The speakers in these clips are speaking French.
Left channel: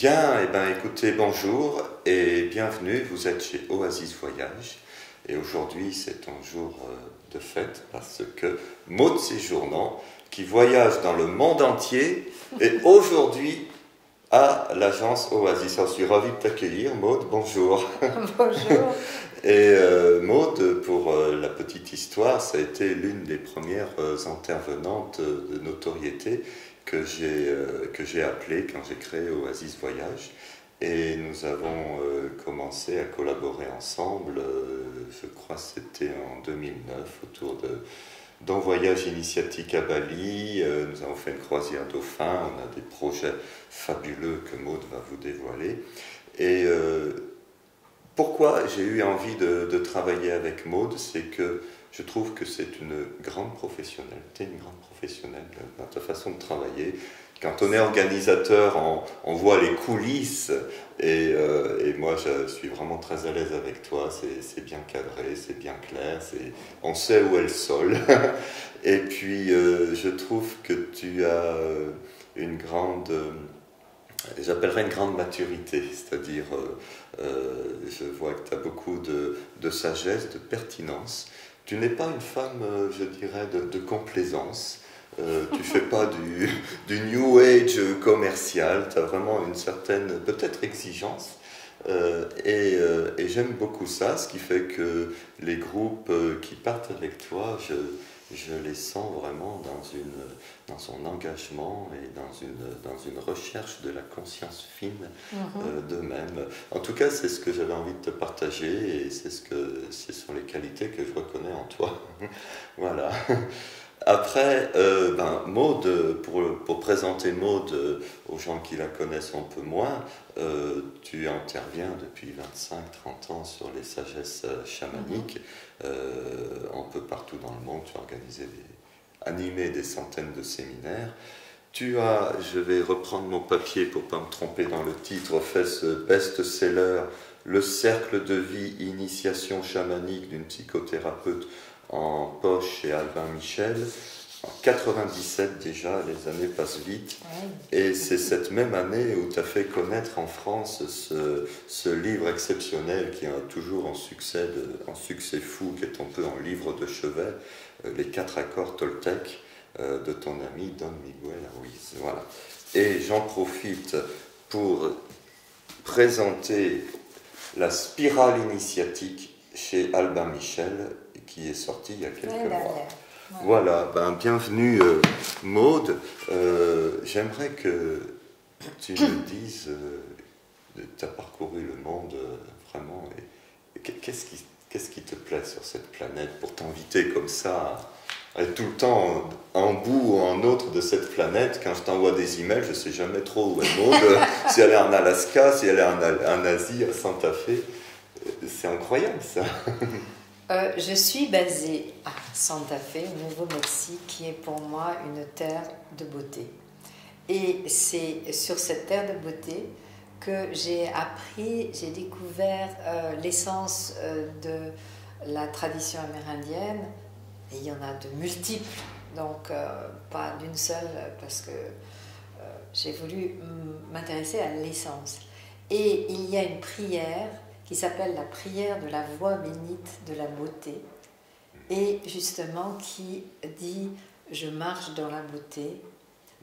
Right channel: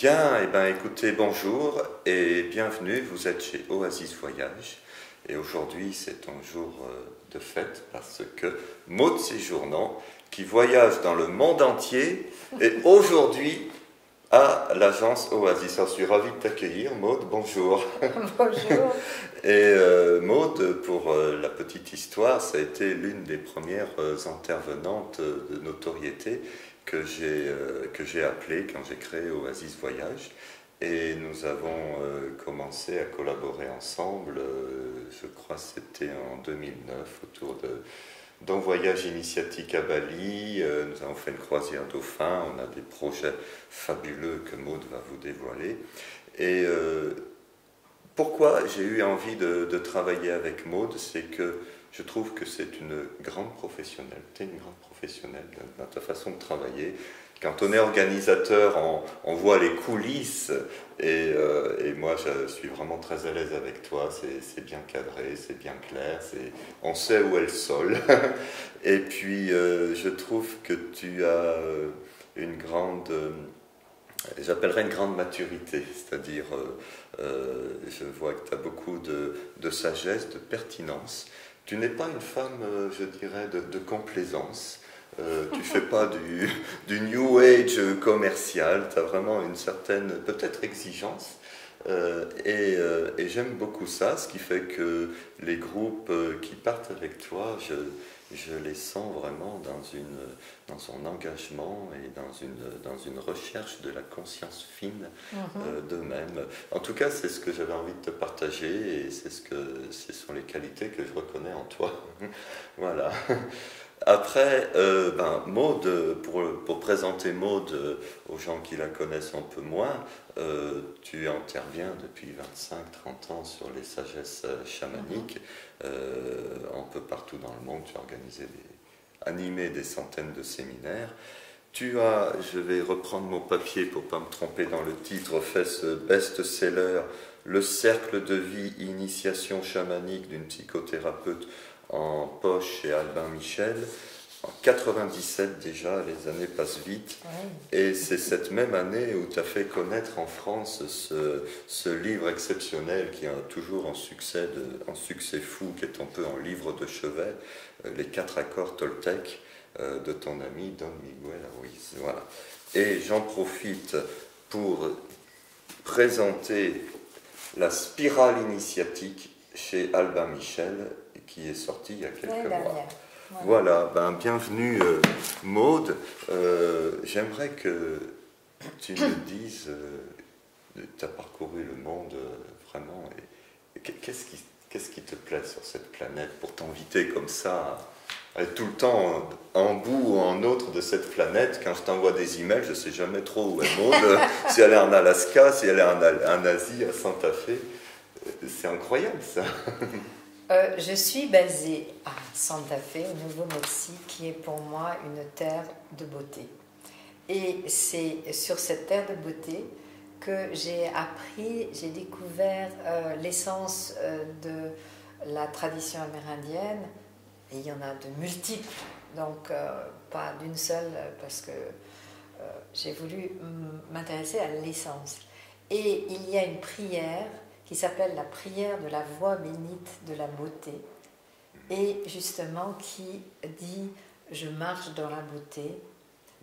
Bien, écoutez, bonjour et bienvenue, vous êtes chez Oasis Voyage et aujourd'hui c'est un jour de fête parce que Maud Séjournant, qui voyage dans le monde entier, est aujourd'hui à l'agence Oasis. Alors, je suis ravi de t'accueillir, Maud, bonjour. Bonjour. Et Maud, pour la petite histoire, ça a été l'une des premières intervenantes de notoriété que j'ai appelée quand j'ai créé Oasis Voyage. Et nous avons commencé à collaborer ensemble, je crois que c'était en 2009, autour d'un voyage initiatique à Bali. Nous avons fait une croisière dauphin, on a des projets fabuleux que Maud va vous dévoiler. Et pourquoi j'ai eu envie de travailler avec Maud, c'est que je trouve que c'est une grande professionnelle. Tu es une grande professionnelle dans ta façon de travailler. Quand on est organisateur, on voit les coulisses et moi je suis vraiment très à l'aise avec toi. C'est bien cadré, c'est bien clair, on sait où est le sol. Et puis je trouve que tu as une grande, j'appellerais une grande maturité, c'est-à-dire je vois que tu as beaucoup de sagesse, de pertinence. Tu n'es pas une femme, je dirais, de complaisance. Tu ne fais pas du New Age commercial, tu as vraiment une certaine, peut-être, exigence. Et j'aime beaucoup ça, ce qui fait que les groupes qui partent avec toi, je les sens vraiment dans son engagement et dans une recherche de la conscience fine d'eux-mêmes. En tout cas, c'est ce que j'avais envie de te partager et ce sont les qualités que je reconnais en toi. Voilà. Après, Maud, pour présenter Maud aux gens qui la connaissent un peu moins, tu interviens depuis 25-30 ans sur les sagesses chamaniques, un peu partout dans le monde. Tu as animé des centaines de séminaires. Tu as, je vais reprendre mon papier pour ne pas me tromper dans le titre, fait ce best-seller, Le cercle de vie, initiation chamanique d'une psychothérapeute en poche chez Albin Michel. En 97 déjà, les années passent vite. Ouais. Et c'est cette même année où tu as fait connaître en France ce livre exceptionnel qui a toujours un succès fou, qui est un peu un livre de chevet, Les 4 accords Toltec de ton ami Don Miguel Ruiz. Voilà. Et j'en profite pour présenter la spirale initiatique chez Albin Michel, qui est sortie il y a quelques mois. Voilà, bienvenue Maud. J'aimerais que tu me dises, tu as parcouru le monde vraiment, et qu'est-ce qui te plaît sur cette planète pour t'inviter comme ça à être tout le temps en bout ou en autre de cette planète. Quand je t'envoie des emails, je ne sais jamais trop où est Maud, si elle est en Alaska, si elle est en Asie, à Santa Fe. C'est incroyable ça. Je suis basée à Santa Fe, au Nouveau-Mexique, qui est pour moi une terre de beauté. Et c'est sur cette terre de beauté que j'ai découvert l'essence de la tradition amérindienne. Et il y en a de multiples, donc pas d'une seule, parce que j'ai voulu m'intéresser à l'essence. Et il y a une prière qui s'appelle la prière de la voix bénite de la beauté, et justement qui dit « Je marche dans la beauté,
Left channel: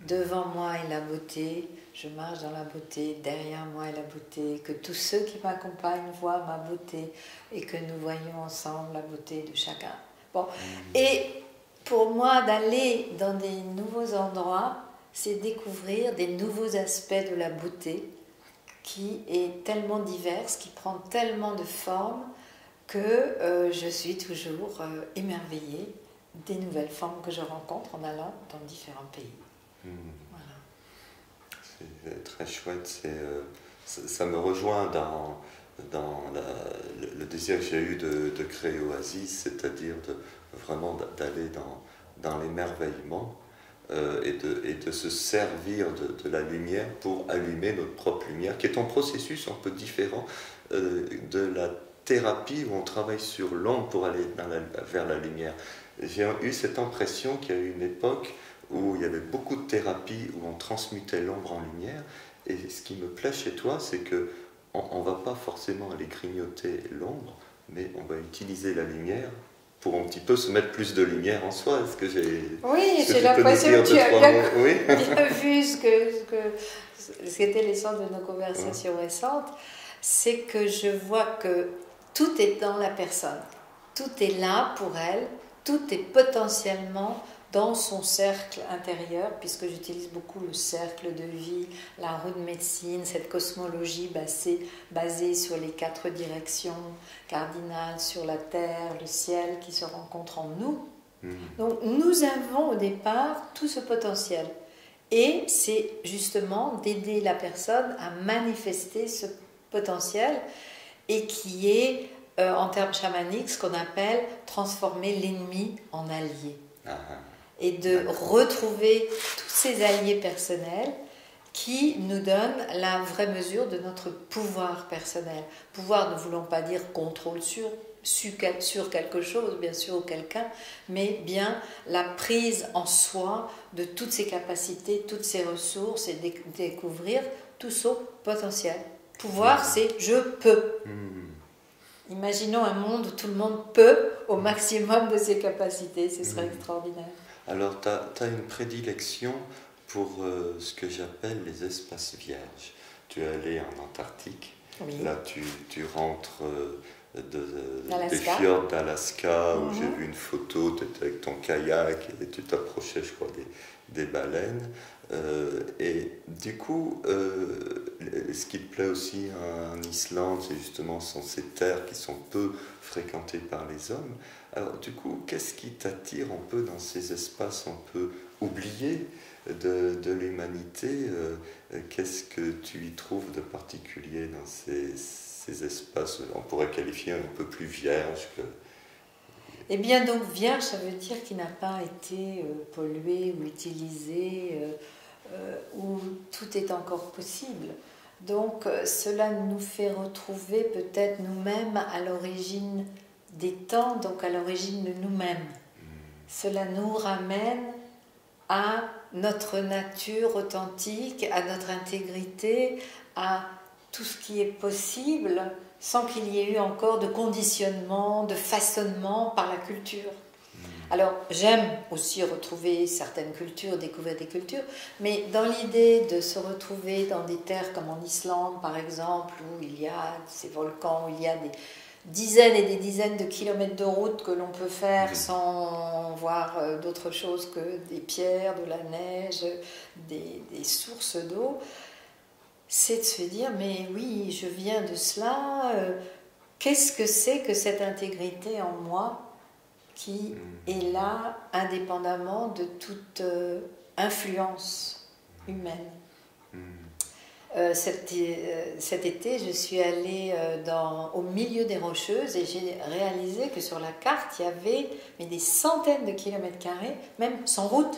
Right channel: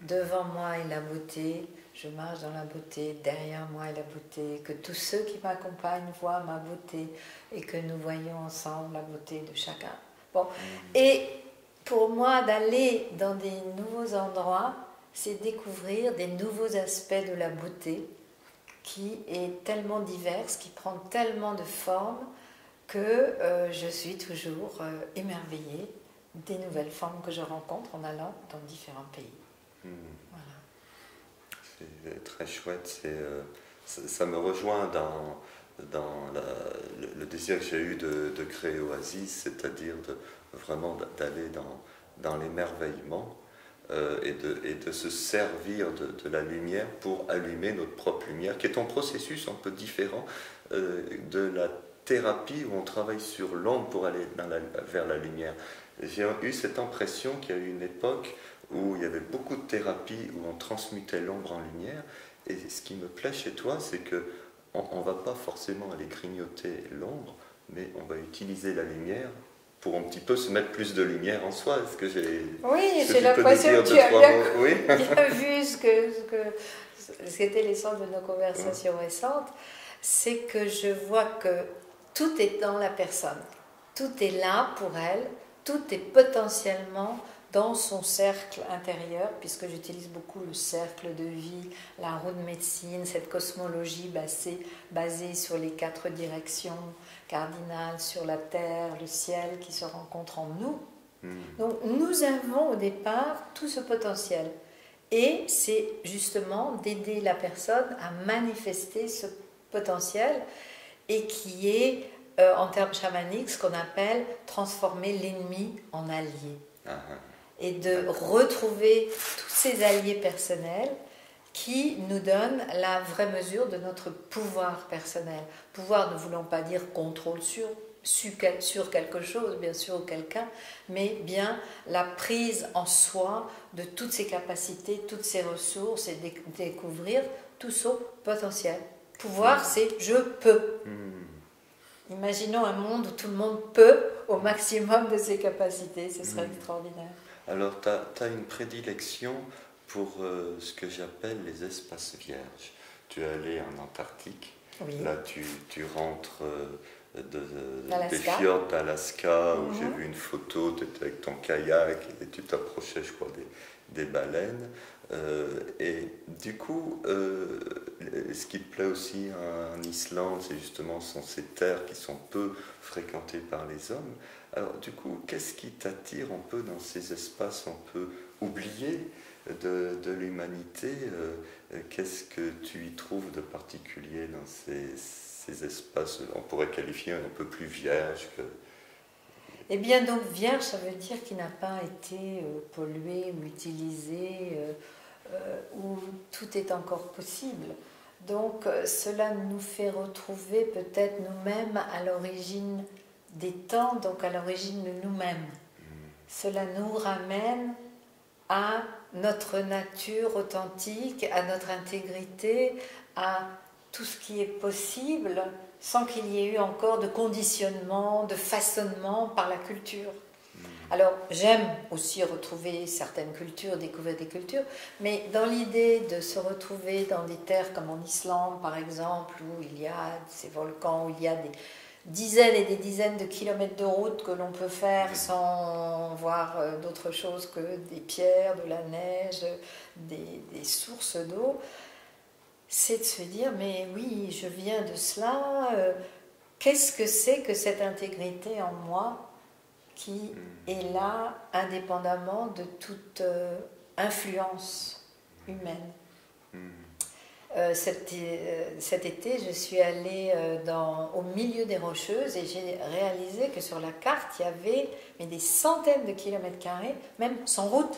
devant moi est la beauté, je marche dans la beauté, derrière moi est la beauté, que tous ceux qui m'accompagnent voient ma beauté, et que nous voyons ensemble la beauté de chacun. » Bon. Et pour moi, d'aller dans des nouveaux endroits, c'est découvrir des nouveaux aspects de la beauté, qui est tellement diverse, qui prend tellement de formes, que je suis toujours émerveillée des nouvelles formes que je rencontre en allant dans différents pays. Voilà. C'est très chouette. Ça me rejoint dans le désir que j'ai eu de créer Oasis, c'est-à-dire vraiment d'aller dans l'émerveillement. Et de se servir de la lumière pour allumer notre propre lumière, qui est un processus un peu différent de la thérapie où on travaille sur l'ombre pour aller vers la lumière. J'ai eu cette impression qu'il y a eu une époque où il y avait beaucoup de thérapies où on transmutait l'ombre en lumière, Et ce qui me plaît chez toi, c'est que on ne va pas forcément aller grignoter l'ombre, mais on va utiliser la lumière pour un petit peu se mettre plus de lumière en soi. Est-ce que Oui, j'ai l'impression que tu as bien vu ce qu'était l'essence de nos conversations récentes. C'est que je vois que tout est dans la personne. Tout est là pour elle. Tout est potentiellement dans son cercle intérieur, puisque j'utilise beaucoup le cercle de vie, la roue de médecine, cette cosmologie basée sur les 4 directions cardinales, sur la terre, le ciel qui se rencontrent en nous. Donc nous avons au départ tout ce potentiel. Et c'est justement d'aider la personne à manifester ce potentiel et qui est, en termes chamaniques, ce qu'on appelle transformer l'ennemi en allié. Et de retrouver tous ces alliés personnels qui nous donnent la vraie mesure de notre pouvoir personnel. Pouvoir ne voulant pas dire contrôle sur quelque chose, bien sûr, ou quelqu'un, mais bien la prise en soi de toutes ses capacités, toutes ses ressources et découvrir tout son potentiel. Pouvoir, c'est je peux. Imaginons un monde où tout le monde peut au maximum de ses capacités, ce serait extraordinaire. Alors, tu as une prédilection pour ce que j'appelle les espaces vierges. Tu es allé en Antarctique, là tu rentres des fjords d'Alaska, où j'ai vu une photo, tu étais avec ton kayak et tu t'approchais, je crois, des baleines. Et du coup, ce qui te plaît aussi en Islande, c'est justement sont ces terres qui sont peu fréquentées par les hommes. Alors du coup, qu'est-ce qui t'attire un peu dans ces espaces un peu oubliés de l'humanité? Qu'est-ce que tu y trouves de particulier dans ces espaces, on pourrait qualifier un peu plus vierges que... Eh bien, donc vierge, ça veut dire qu'il n'a pas été pollué ou utilisé, où tout est encore possible. Donc, cela nous fait retrouver peut-être nous-mêmes à l'origine des temps, donc à l'origine de nous-mêmes. Cela nous ramène à notre nature authentique, à notre intégrité, à tout ce qui est possible, sans qu'il y ait eu encore de conditionnement, de façonnement par la culture. Alors, j'aime aussi retrouver certaines cultures, découvrir des cultures, mais dans l'idée de se retrouver dans des terres comme en Islande, par exemple, où il y a ces volcans, où il y a des dizaines et des dizaines de kilomètres de route que l'on peut faire sans voir d'autre chose que des pierres, de la neige, des sources d'eau, c'est de se dire, mais oui, je viens de cela, qu'est-ce que c'est que cette intégrité en moi qui est là indépendamment de toute influence humaine. Cet été, je suis allée au milieu des Rocheuses et j'ai réalisé que sur la carte, il y avait des centaines de kilomètres carrés, même sans route,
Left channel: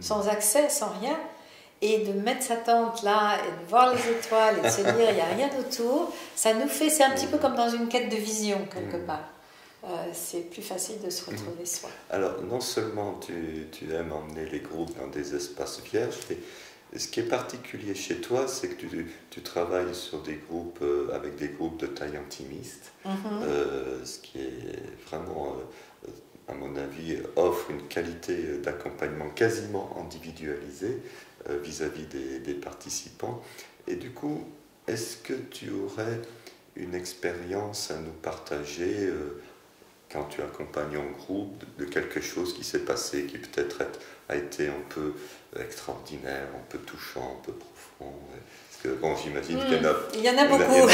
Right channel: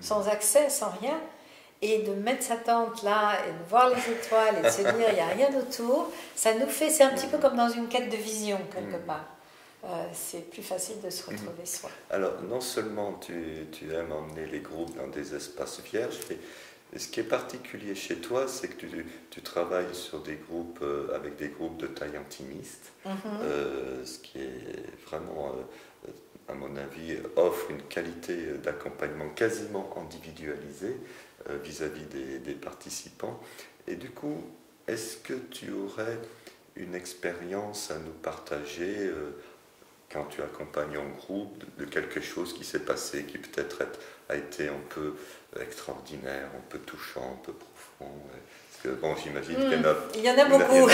sans accès, sans rien. Et de mettre sa tente là, et de voir les étoiles et de se dire il n'y a rien autour, ça nous fait, c'est un petit peu comme dans une quête de vision quelque part. C'est plus facile de se retrouver soi. Alors, non seulement tu aimes emmener les groupes dans des espaces vierges, mais ce qui est particulier chez toi, c'est que tu travailles sur des groupes, avec des groupes de taille intimiste, ce qui est vraiment, à mon avis, offre une qualité d'accompagnement quasiment individualisée vis-à-vis des participants. Et du coup, est-ce que tu aurais une expérience à nous partager quand tu accompagnes en groupe de quelque chose qui s'est passé, qui peut-être a été un peu extraordinaire, un peu touchant, un peu profond? Parce que bon, j'imagine qu'il y en a beaucoup.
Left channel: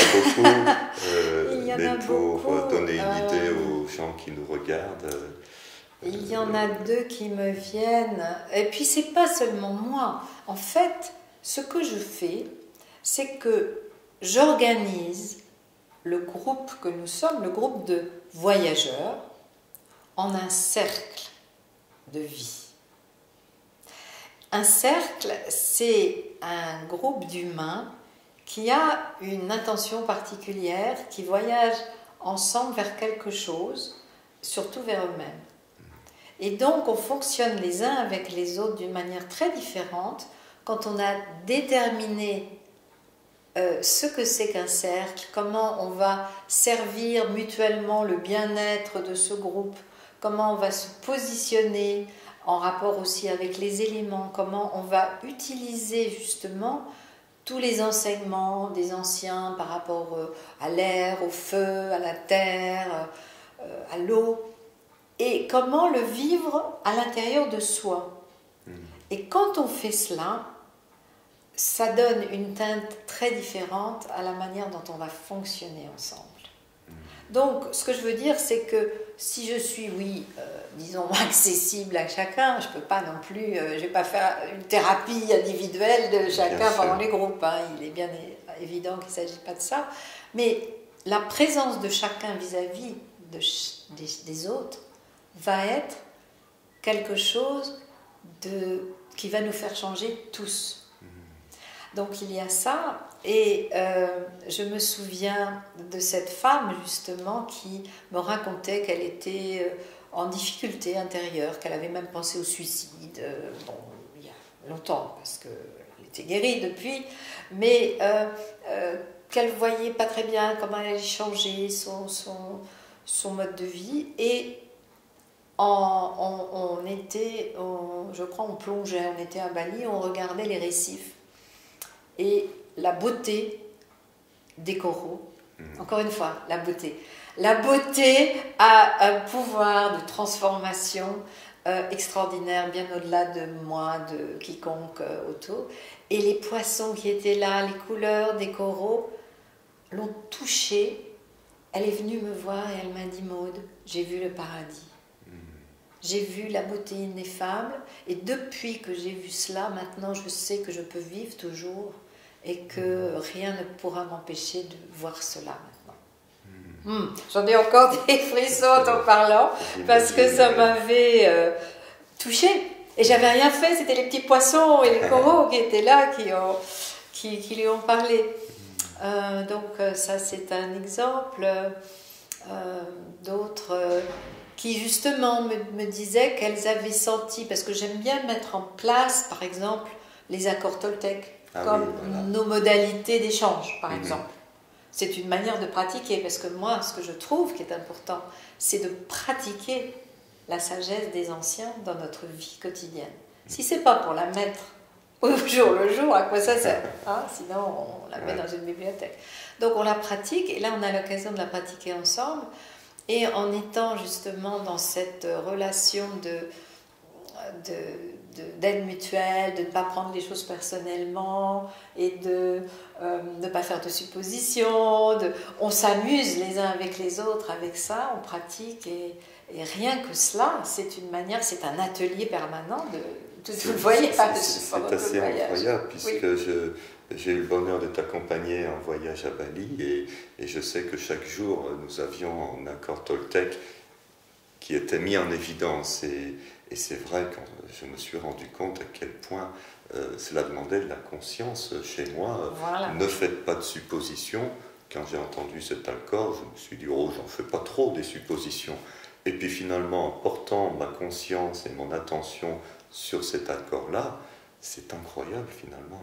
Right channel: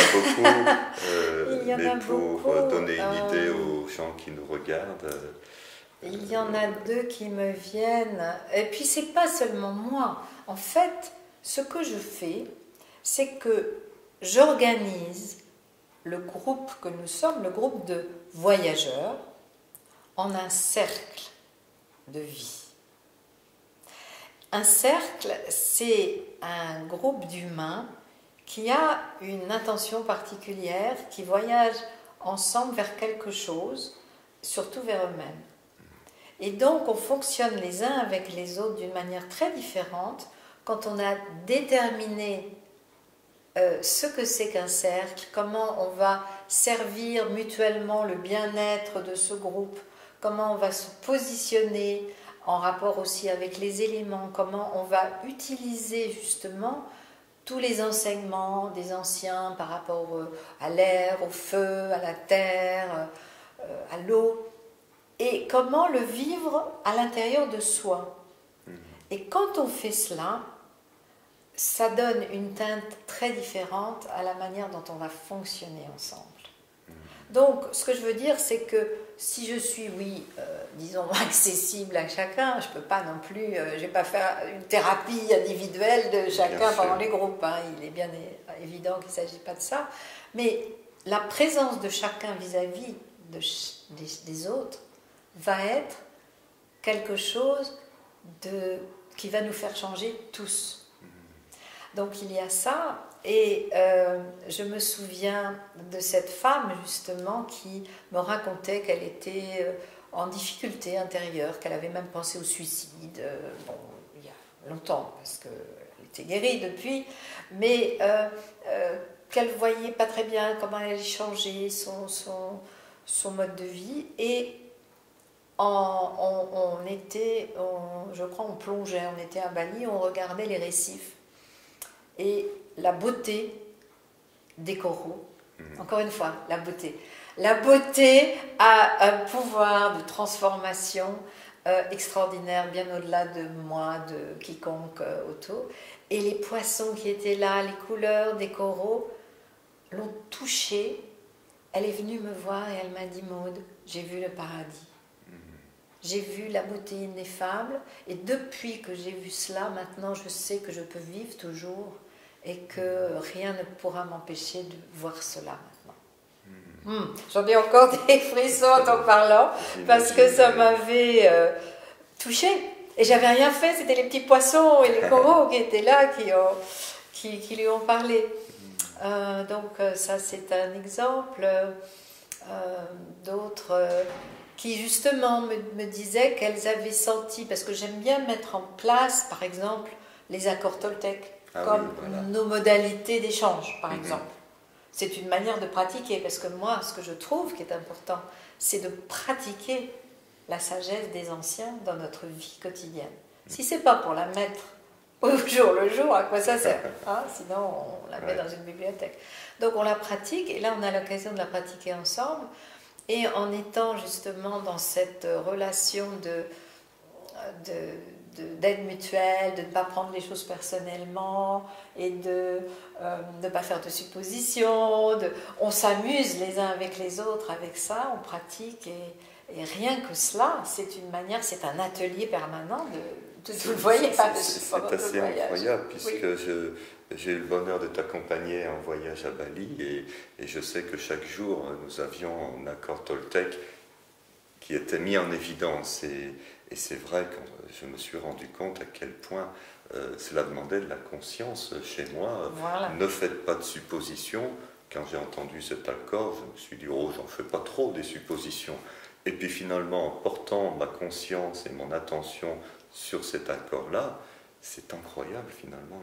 Mais pour donner une idée aux gens qui nous regardent... Il y en a deux qui me viennent. Et puis, c'est pas seulement moi. En fait, ce que je fais, c'est que j'organise le groupe que nous sommes, le groupe de voyageurs, en un cercle de vie. Un cercle, c'est un groupe d'humains qui a une intention particulière, qui voyagent ensemble vers quelque chose, surtout vers eux-mêmes. Et donc, on fonctionne les uns avec les autres d'une manière très différente quand on a déterminé ce que c'est qu'un cercle, comment on va servir mutuellement le bien-être de ce groupe, comment on va se positionner en rapport aussi avec les éléments, comment on va utiliser justement tous les enseignements des anciens par rapport à l'air, au feu, à la terre, à l'eau, et comment le vivre à l'intérieur de soi. Et quand on fait cela, ça donne une teinte très différente à la manière dont on va fonctionner ensemble. Donc, ce que je veux dire, c'est que si je suis, oui, disons, accessible à chacun, je ne peux pas non plus, je ne vais pas faire une thérapie individuelle de chacun pendant les groupes. Hein. Il est bien évident qu'il ne s'agit pas de ça. Mais la présence de chacun vis-à-vis des autres va être quelque chose qui va nous faire changer tous. Donc il y a ça, et je me souviens de cette femme justement qui me racontait qu'elle était en difficulté intérieure, qu'elle avait même pensé au suicide, bon, il y a longtemps, parce qu'elle était guérie depuis, mais qu'elle ne voyait pas très bien comment elle allait changer son mode de vie, et je crois on plongeait, on était à Bali, on regardait les récifs. Et la beauté des coraux, encore une fois, la beauté. La beauté a un pouvoir de transformation extraordinaire, bien au-delà de moi, de quiconque autour. Et les poissons qui étaient là, les couleurs des coraux, l'ont touchée. Elle est venue me voir et elle m'a dit, Maude, j'ai vu le paradis. J'ai vu la beauté ineffable, et depuis que j'ai vu cela, maintenant je sais que je peux vivre toujours et que rien ne pourra m'empêcher de voir cela maintenant. J'en ai encore des frissons en t'en parlant, parce que ça m'avait touchée. Et j'avais rien fait, c'était les petits poissons et les coraux qui étaient là, qui lui ont parlé. Donc ça c'est un exemple. D'autres... qui justement me disaient qu'elles avaient senti, parce que j'aime bien mettre en place, par exemple, les accords Toltec, comme nos modalités d'échange, par exemple. C'est une manière de pratiquer, parce que moi, ce que je trouve qui est important, c'est de pratiquer la sagesse des anciens dans notre vie quotidienne. Si ce n'est pas pour la mettre au jour le jour, à quoi ça sert, hein? Sinon, on la met dans une bibliothèque. Donc on la pratique, et là on a l'occasion de la pratiquer ensemble. Et en étant justement dans cette relation d'aide mutuelle, de ne pas prendre les choses personnellement et de ne pas faire de suppositions, on s'amuse les uns avec les autres avec ça, on pratique, et rien que cela, c'est une manière, c'est un atelier permanent vous ne voyez pas de c'est assez incroyable, puisque j'ai eu le bonheur de t'accompagner en voyage à Bali, et je sais que chaque jour nous avions un accord Toltec qui était mis en évidence, et c'est vrai que je me suis rendu compte à quel point cela demandait de la conscience chez moi. Voilà. Ne faites pas de suppositions. Quand j'ai entendu cet accord, je me suis dit, oh, j'en fais pas trop des suppositions. Et puis finalement, en portant ma conscience et mon attention sur cet accord-là, c'est incroyable finalement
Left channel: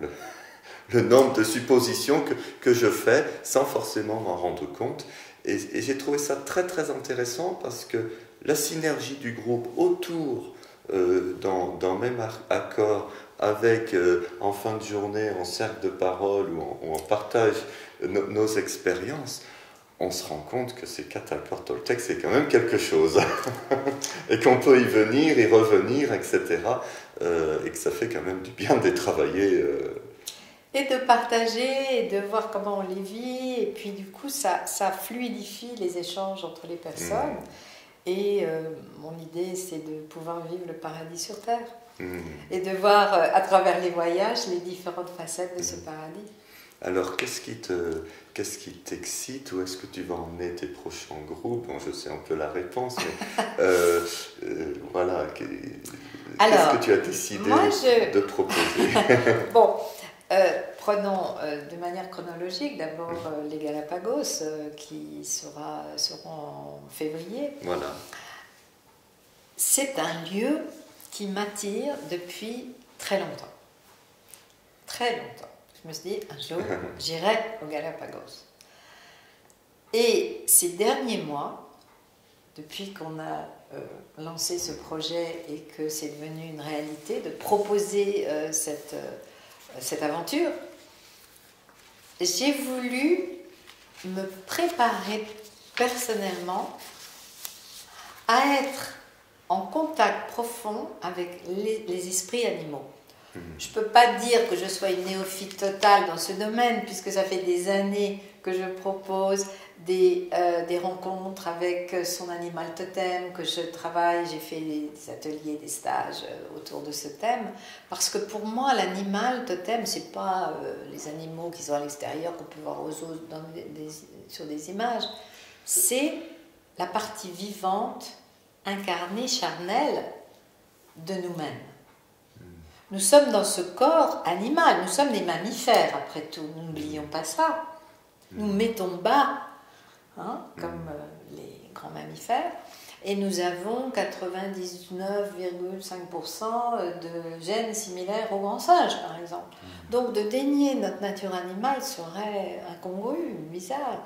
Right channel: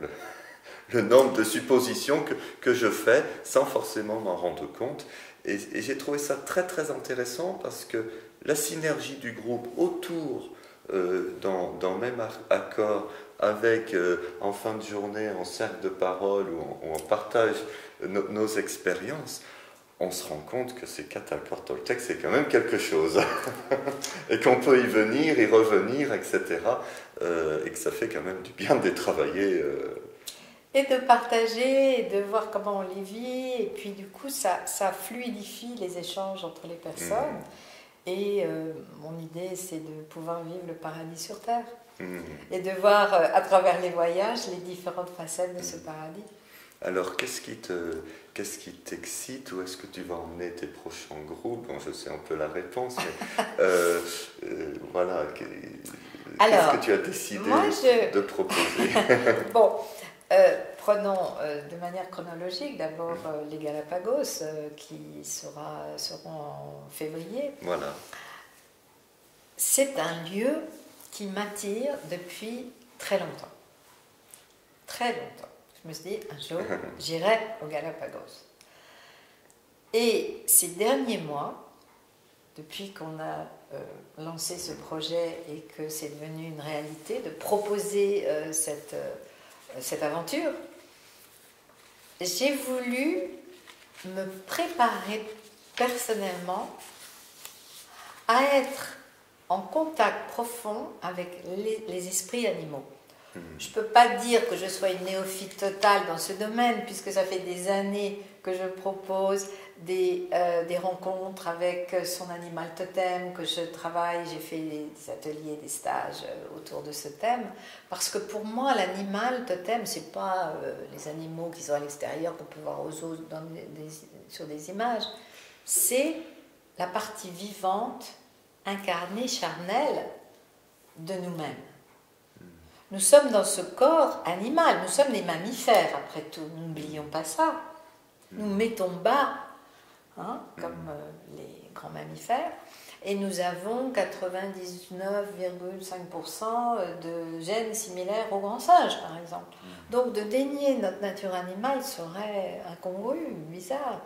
le nombre de suppositions que je fais sans forcément m'en rendre compte. Et j'ai trouvé ça très très intéressant, parce que la synergie du groupe autour dans le même accord, avec en fin de journée en cercle de parole où on partage nos expériences, on se rend compte que ces 4 accords Toltec, c'est quand même quelque chose. Et qu'on peut y venir, y revenir, etc. Et que ça fait quand même du bien de les travailler. Et de partager, et de voir comment on les vit. Et puis du coup, ça fluidifie les échanges entre les personnes. Et mon idée, c'est de pouvoir vivre le paradis sur Terre. Et de voir à travers les voyages les différentes facettes de ce paradis. Alors, qu'est-ce qui t'excite? Où est-ce que tu vas emmener tes prochains groupes? Bon, je sais un peu la réponse, mais voilà. Qu'est-ce que tu as décidé de proposer? Bon, prenons de manière chronologique d'abord les Galapagos qui seront en février. Voilà. C'est un lieu qui m'attire depuis très longtemps. Très longtemps. Je me suis dit, un jour, j'irai aux Galapagos. Et ces derniers mois, depuis qu'on a lancé ce projet et que c'est devenu une réalité, de proposer cette aventure, j'ai voulu me préparer personnellement à être en contact profond avec les esprits animaux. Je ne peux pas dire que je sois une néophyte totale dans ce domaine, puisque ça fait des années que je propose des rencontres avec son animal totem, que je travaille, j'ai fait des ateliers, des stages autour de ce thème, parce que pour moi, l'animal totem, ce n'est pas les animaux qui sont à l'extérieur, qu'on peut voir aux zoos sur des images, c'est la partie vivante, incarnée, charnelle de nous-mêmes. Nous sommes dans ce corps animal, nous sommes des mammifères après tout, n'oublions pas ça. Nous mettons bas, comme les grands mammifères, et nous avons 99,5% de gènes similaires aux grands singes, par exemple. Donc de dénier notre nature animale serait incongru, bizarre.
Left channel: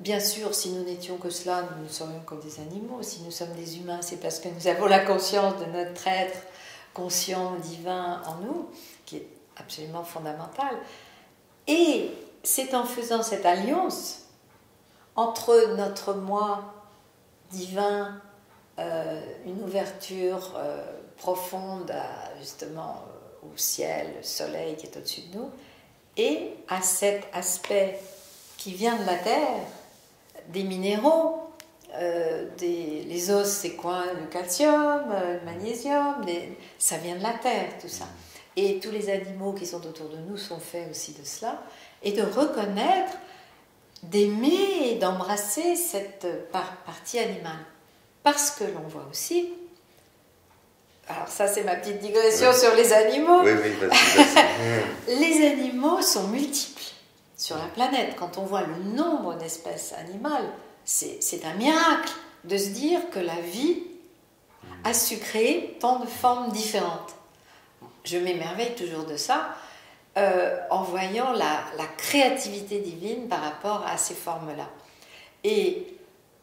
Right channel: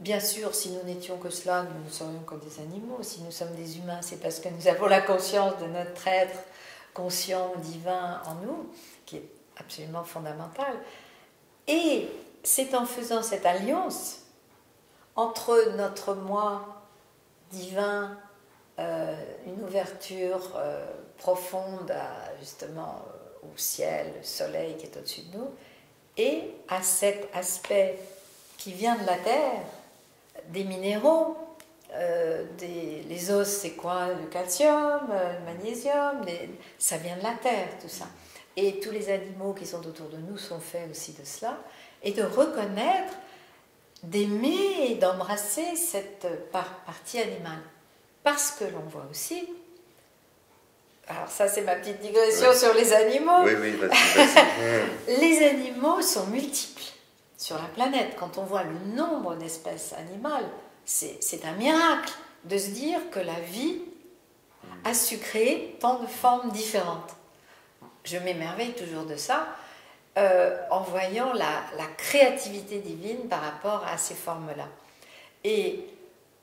Bien sûr, si nous n'étions que cela, nous ne serions que des animaux. Si nous sommes des humains, c'est parce que nous avons la conscience de notre être conscient, divin en nous, qui est absolument fondamental. Et c'est en faisant cette alliance entre notre moi divin, une ouverture profonde justement au ciel, le soleil qui est au-dessus de nous, et à cet aspect qui vient de la terre, des minéraux, les os, c'est quoi? Le calcium, le magnésium, ça vient de la terre, tout ça. Et tous les animaux qui sont autour de nous sont faits aussi de cela. Et de reconnaître, d'aimer, d'embrasser cette partie animale. Parce que l'on voit aussi, alors ça c'est ma petite digression sur les animaux, vas-y. Les animaux sont multiples sur la planète. Quand on voit le nombre d'espèces animales, c'est un miracle de se dire que la vie a su créer tant de formes différentes. Je m'émerveille toujours de ça, en voyant la créativité divine par rapport à ces formes-là. Et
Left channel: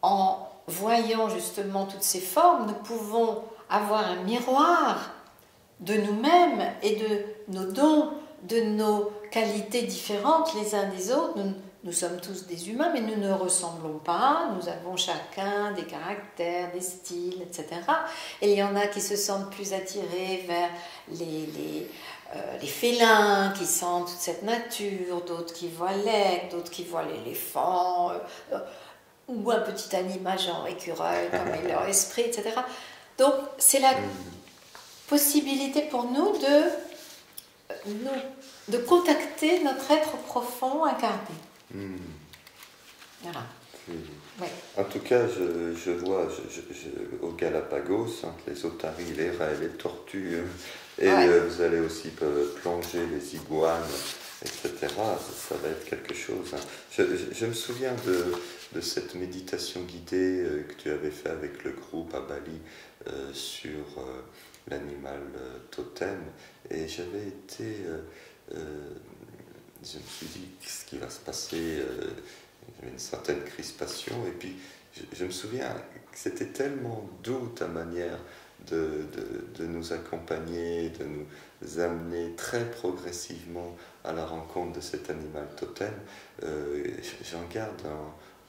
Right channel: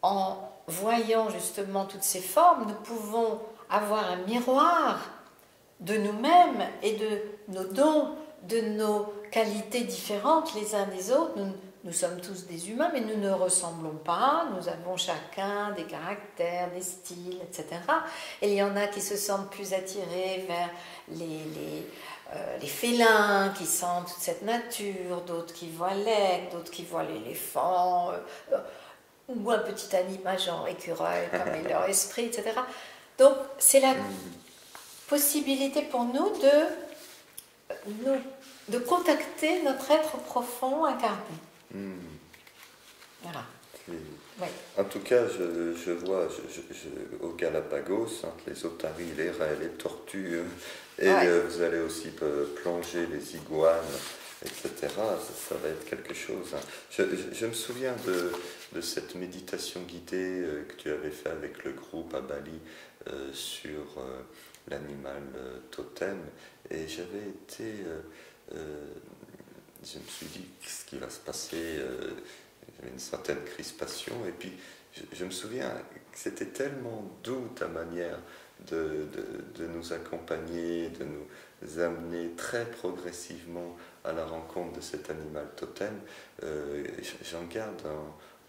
en voyant justement toutes ces formes, nous pouvons avoir un miroir de nous-mêmes et de nos dons, de nos qualités différentes les uns des autres. Nous sommes tous des humains, mais nous ne ressemblons pas. Nous avons chacun des caractères, des styles, etc. Et il y en a qui se sentent plus attirés vers les félins, qui sentent toute cette nature, d'autres qui voient l'aigle, d'autres qui voient l'éléphant, ou un petit animal genre écureuil, comme est leur esprit, etc. Donc, c'est la possibilité pour nous de contacter notre être profond incarné. Voilà. Oui. En tout cas, je vois au Galapagos, entre les otaries, les raies, les tortues, et vous allez aussi plonger les iguanes, etc. Ça va être quelque chose. Je me souviens de cette méditation guidée que tu avais fait avec le groupe à Bali sur l'animal totem, et j'avais été... je me suis dit, qu'est-ce qui va se passer? J'avais une certaine crispation, et puis je me souviens que c'était tellement doux ta manière de nous accompagner, de nous amener très progressivement à la rencontre de cet animal totem. J'en garde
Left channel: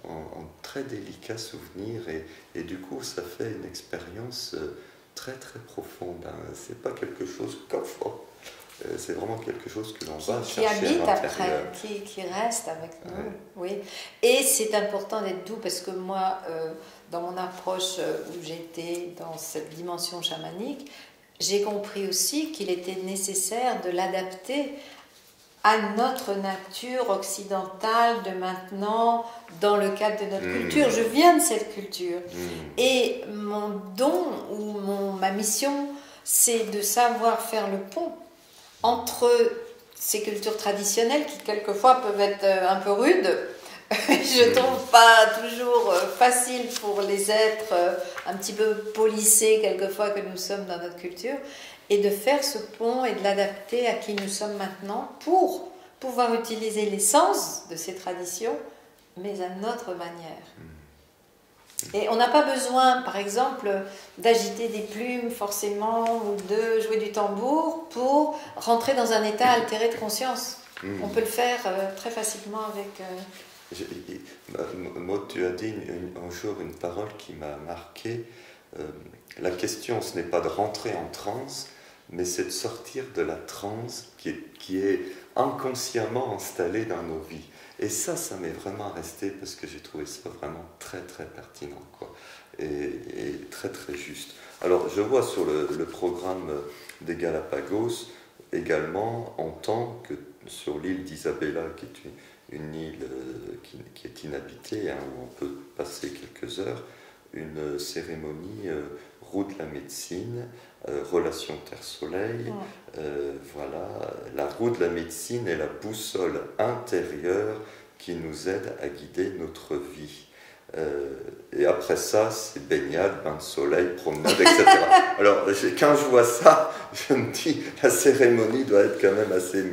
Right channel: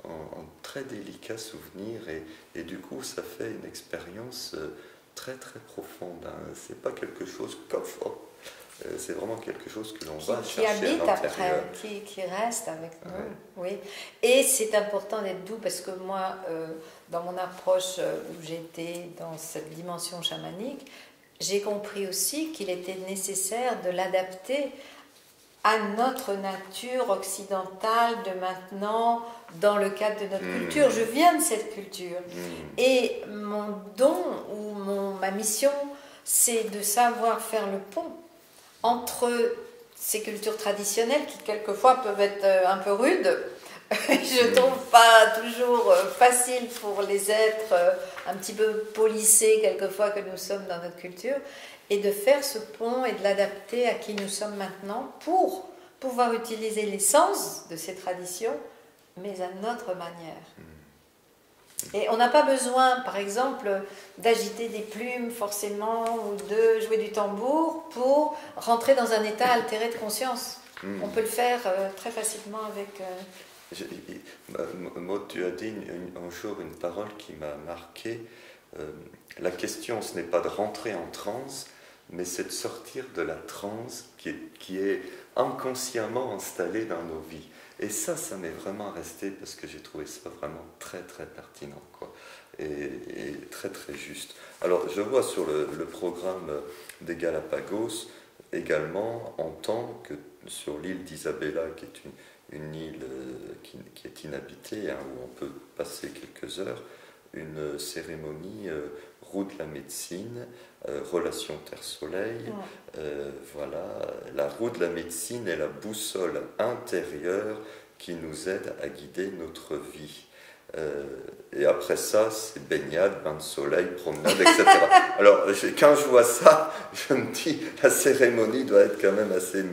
un très délicat souvenir, et du coup ça fait une expérience très très profonde. C'est pas quelque chose qu'offre. C'est vraiment quelque chose que l'on va chercher qui habite après, qui reste avec nous. Oui. Et c'est important d'être doux, parce que moi, dans mon approche où j'étais dans cette dimension chamanique, j'ai compris aussi qu'il était nécessaire de l'adapter à notre nature occidentale de maintenant, dans le cadre de notre culture. Je viens de cette culture. Et mon don ou ma mission, c'est de savoir faire le pont entre ces cultures traditionnelles qui quelquefois peuvent être un peu rudes je trouve pas toujours facile pour les êtres un petit peu polissés quelquefois que nous sommes dans notre culture, et de faire ce pont et de l'adapter à qui nous sommes maintenant pour pouvoir utiliser l'essence de ces traditions, mais à notre manière. Et on n'a pas besoin, par exemple, d'agiter des plumes forcément ou de jouer du tambour pour rentrer dans un état altéré de conscience. On peut le faire très facilement avec... Moi, tu as dit un jour une parole qui m'a marqué. La question, ce n'est pas de rentrer en transe, mais c'est de sortir de la transe qui est inconsciemment installée dans nos vies. Et ça m'est vraiment resté parce que j'ai trouvé ça vraiment très très pertinent, quoi, et très très juste. Alors je vois sur le programme des Galapagos également, en tant que sur l'île d'Isabella, qui est une île qui est inhabitée, hein, où on peut passer quelques heures, une cérémonie roue de la médecine, relation Terre-Soleil. Voilà, la roue de la médecine est la boussole intérieure qui nous aide à guider notre vie. Et après ça, c'est baignade, bain de soleil, promenade, etc. Alors, quand je vois ça, je me dis, la cérémonie doit être quand même assez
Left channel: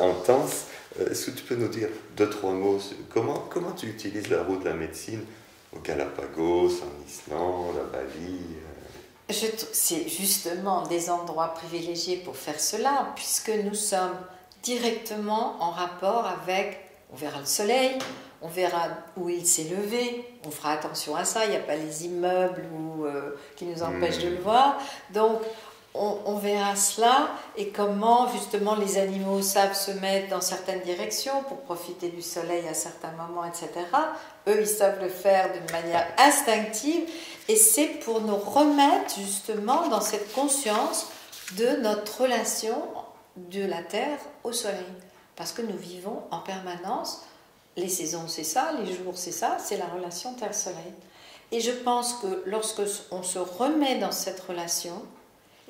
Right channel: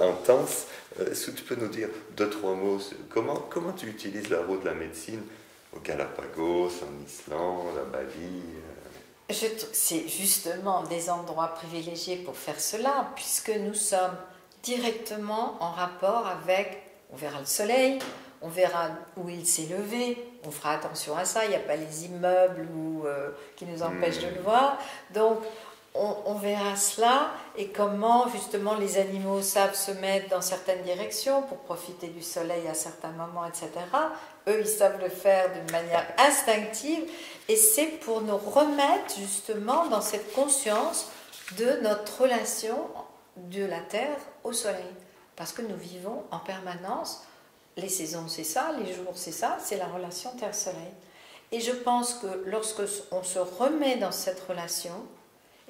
intense. Est-ce que tu peux nous dire 2-3 mots? Comment tu utilises la roue de la médecine au Galapagos, en Islande, à Bali? C'est justement des endroits privilégiés pour faire cela, puisque nous sommes directement en rapport avec, on verra le soleil, on verra où il s'est levé, on fera attention à ça, il n'y a pas les immeubles qui nous empêchent de le voir, donc on verra cela, et comment justement les animaux savent se mettre dans certaines directions pour profiter du soleil à certains moments, etc. Eux, ils savent le faire d'une manière instinctive, et c'est pour nous remettre justement dans cette conscience de notre relation de la Terre au Soleil. Parce que nous vivons en permanence, les saisons c'est ça, les jours c'est ça, c'est la relation Terre-Soleil. Et je pense que lorsque on se remet dans cette relation,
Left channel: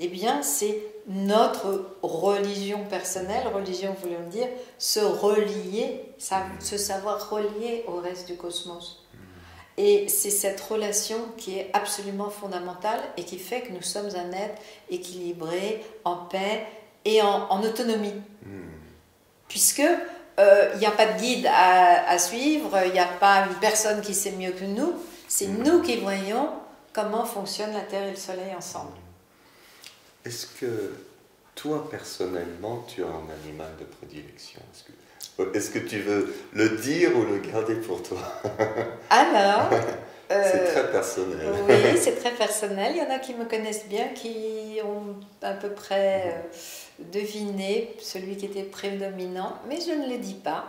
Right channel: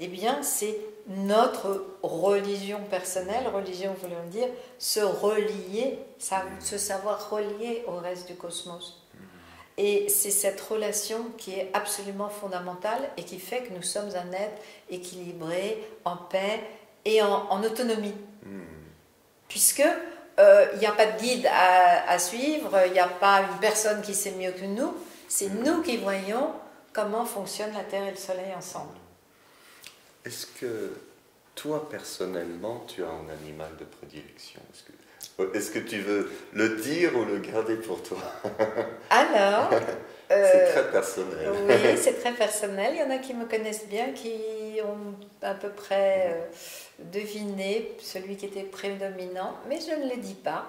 eh bien c'est notre religion personnelle, religion voulant dire se relier, se savoir relier au reste du cosmos. Et c'est cette relation qui est absolument fondamentale et qui fait que nous sommes un être équilibré, en paix et en autonomie. Puisque il n'y a pas de guide à suivre, il n'y a pas une personne qui sait mieux que nous, c'est nous qui voyons comment fonctionne la Terre et le Soleil ensemble. Est-ce que toi, personnellement, tu as un animal de prédilection? Est-ce que tu veux le dire ou le garder pour toi? Alors, c'est très personnel. Oui, c'est très personnel. Il y en a qui me connaissent bien, qui ont à peu près deviné celui qui était prédominant, mais je ne le dis pas.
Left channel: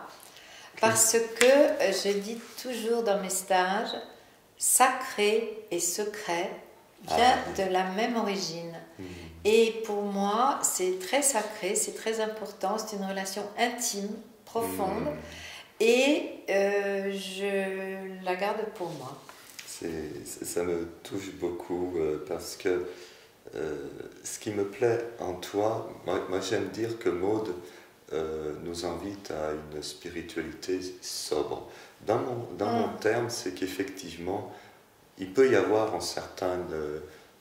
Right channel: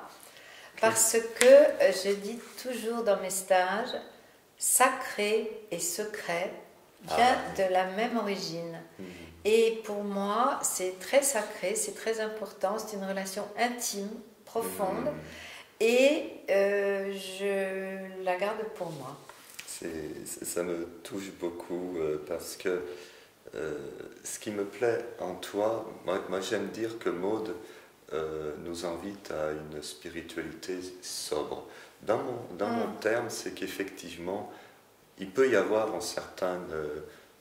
Parce que je dis toujours dans mes stages, sacré et secret vient de la même origine. Et pour moi, c'est très sacré, c'est très important, c'est une relation intime, profonde, et je la garde pour moi. Ça me touche beaucoup parce que ce qui me plaît en toi, moi j'aime dire que Maud nous invite à une spiritualité sobre. Dans mon terme, c'est qu'effectivement, il peut y avoir un certain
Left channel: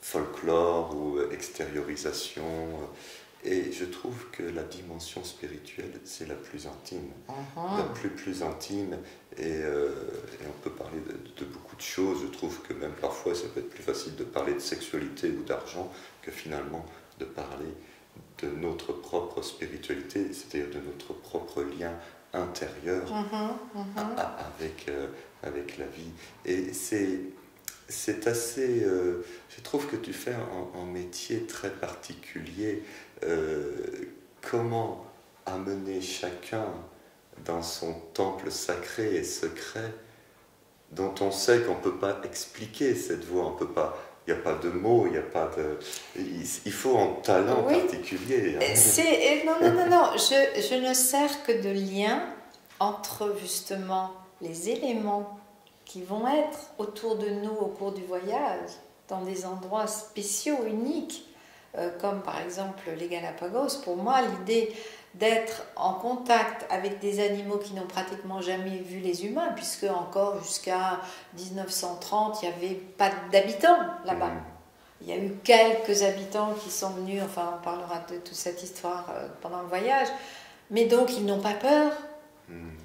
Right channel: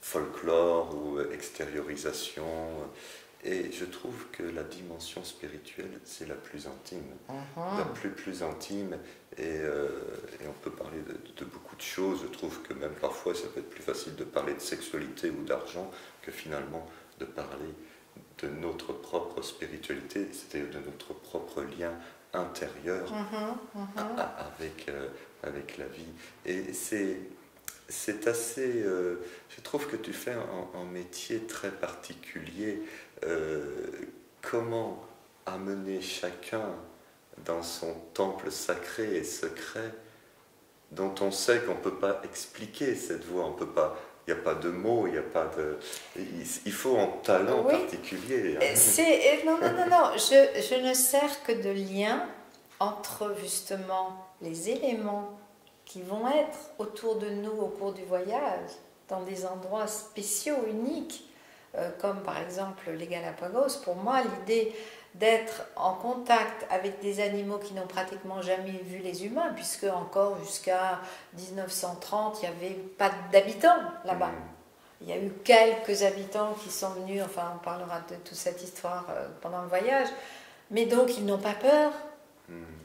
folklore ou extériorisation, et je trouve que la dimension spirituelle, c'est la plus intime, la plus intime, et on peut parler de beaucoup de choses. Je trouve que même parfois, ça peut être plus facile de parler de sexualité ou d'argent que finalement de parler de notre propre spiritualité, c'est-à-dire de notre propre lien intérieur avec la vie. Et c'est assez... je trouve que tu fais un métier très particulier. Comment amener chacun dans son temple sacré et secret, dont on sait qu'on ne peut pas expliquer cette voix, on peut pas... Il n'y a pas de mots, il n'y a pas de... Il faut un talent particulier. Hein. Non. Je ne sers que de lien entre justement les éléments qui vont être autour de nous au cours du voyage, dans des endroits spéciaux, uniques, comme par exemple les Galapagos. Pour moi, l'idée d'être en contact avec des animaux qui n'ont pratiquement jamais vu les humains, puisque encore jusqu'à 1930, il n'y avait pas d'habitants là-bas. Il y a eu quelques habitants qui sont venus, enfin on parlera de toute cette histoire pendant le voyage, mais donc ils n'ont pas peur.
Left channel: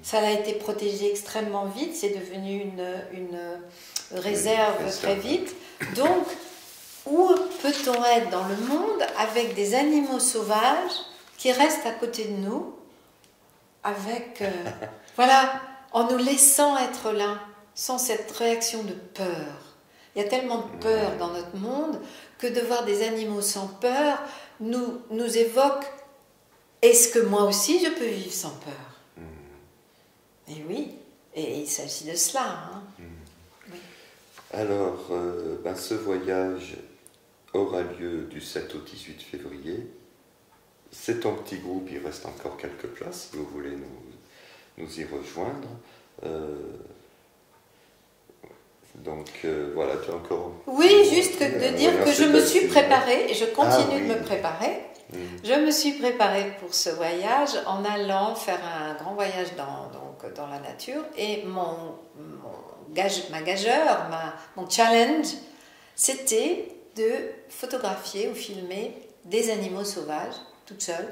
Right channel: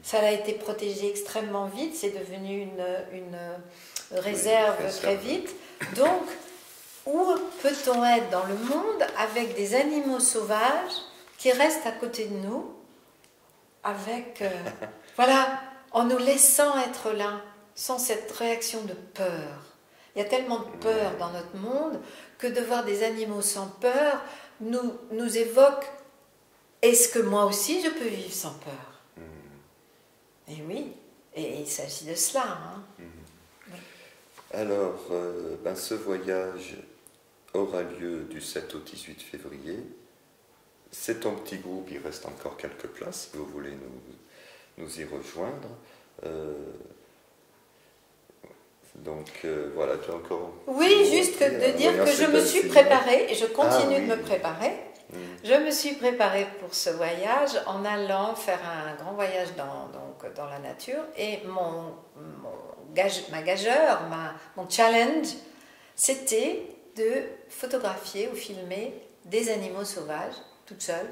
Ça a été protégé extrêmement vite, c'est devenu une réserve très vite. Donc, où peut-on être dans le monde avec des animaux sauvages qui restent à côté de nous, avec, voilà, en nous laissant être là, sans cette réaction de peur. Il y a tellement de peur dans notre monde que de voir des animaux sans peur nous évoque, est-ce que moi aussi je peux vivre sans peur? Et oui, et il s'agit de cela. Hein. Oui. Alors, ce voyage aura lieu du 7 au 18 février. C'est un petit groupe, il reste encore quelques places si vous voulez nous y rejoindre. Voilà, tu as encore... Oui, juste de dire que je me suis préparée et je continue de me préparer. Je me suis préparée pour ce voyage en allant faire un grand voyage dans la nature et ma gageure, mon challenge, c'était de photographier ou filmer des animaux sauvages, toute seule,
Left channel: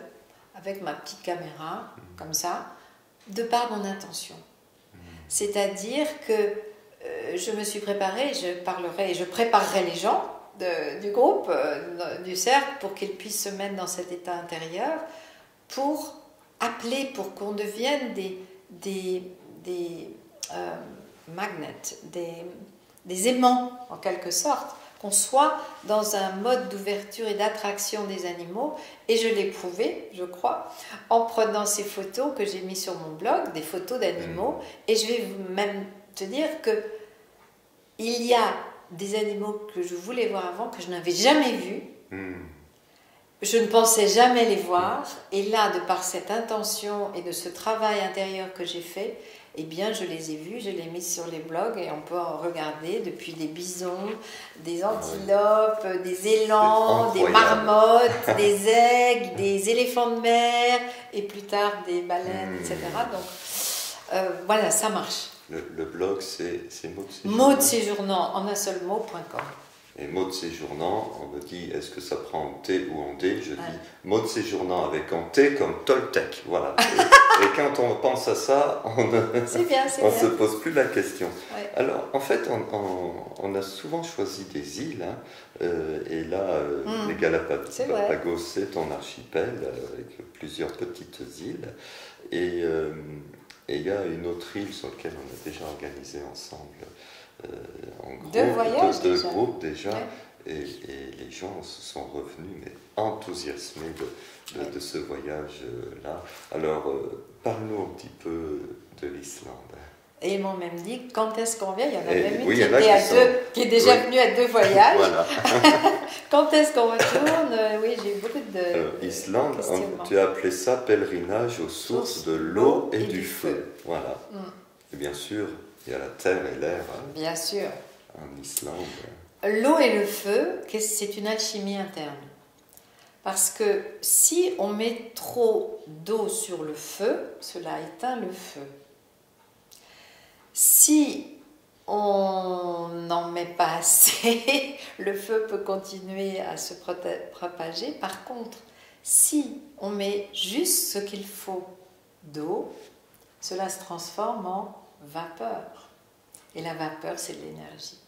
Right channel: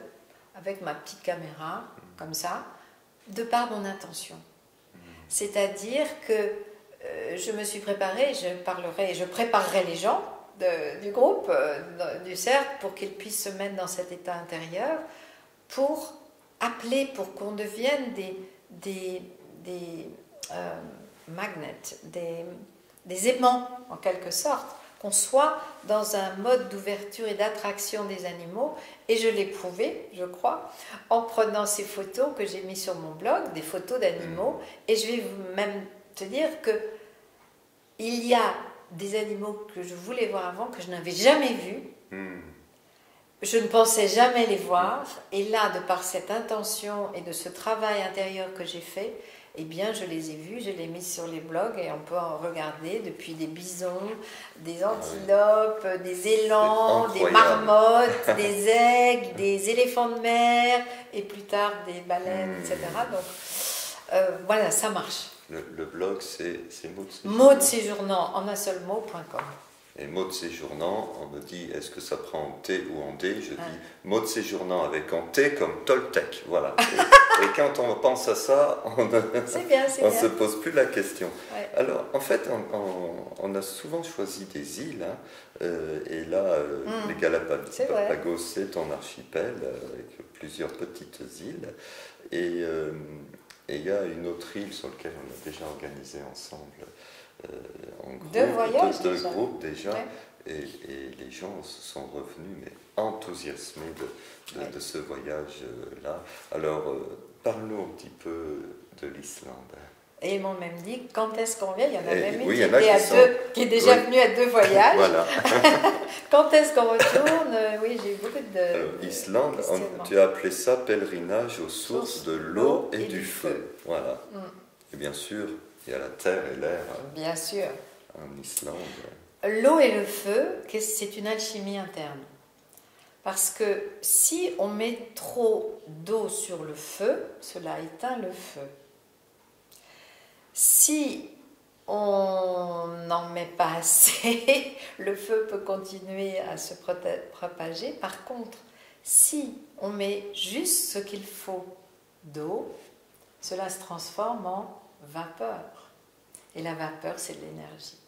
avec ma petite caméra, comme ça, de par mon intention. C'est-à-dire que je me suis préparée, je préparerai les gens du groupe, du cercle, pour qu'ils puissent se mettre dans cet état intérieur, pour appeler, pour qu'on devienne des magnets, des aimants en quelque sorte, qu'on soit dans un mode d'ouverture et d'attraction des animaux. Et je l'ai prouvé, je crois, en prenant ces photos que j'ai mises sur mon blog, des photos d'animaux. Et je vais même te dire que il y a des animaux que je voulais voir avant, que je n'avais jamais vus. Je ne pensais jamais les voir. Et là, de par cette intention et de ce travail intérieur que j'ai fait, eh bien, je les ai vus, je les ai mis sur les blogs et on peut en regarder depuis des bisons, des antilopes, des élans, des marmottes, des aigles, des éléphants de mer et plus tard des baleines, etc. Donc, voilà, ça marche. Le blog, c'est Mot de séjournant, en un seul mot.com. Et mot de séjournant, on me dit, est-ce que ça prend en T ou en D? Je dis mot de séjournant avec en T comme Toltec. Voilà. Et quand on pense à ça, on ne se pose plus la question. Ouais. Alors, en fait, on a souvent choisi des îles. Hein, et là, les Galapagos, c'est un archipel avec plusieurs petites îles. Et il y a une autre île sur laquelle on a déjà organisé ensemble. En gros, deux groupes déjà, ouais. et les gens se sont revenus mais enthousiasmés de ce voyage-là. Alors, parle-nous un petit peu de l'Islande. Et ils m'ont même dit, quand est-ce qu'on vient? Il y en a même une qui est déjà venue à 2 voyages. Voilà. Quand est-ce qu'on retourne? Oui, j'ai eu beaucoup de Islande, tu as appelé ça pèlerinage aux sources de l'eau et du feu. Voilà. Et bien sûr, il y a la terre et l'air. Bien sûr. En Islande. L'eau et le feu, c'est une alchimie interne. Parce que si on met trop d'eau sur le feu, cela éteint le feu. Si on n'en met pas assez, le feu peut continuer à se propager. Par contre, si on met juste ce qu'il faut d'eau, cela se transforme en vapeur. Et la vapeur, c'est de l'énergie.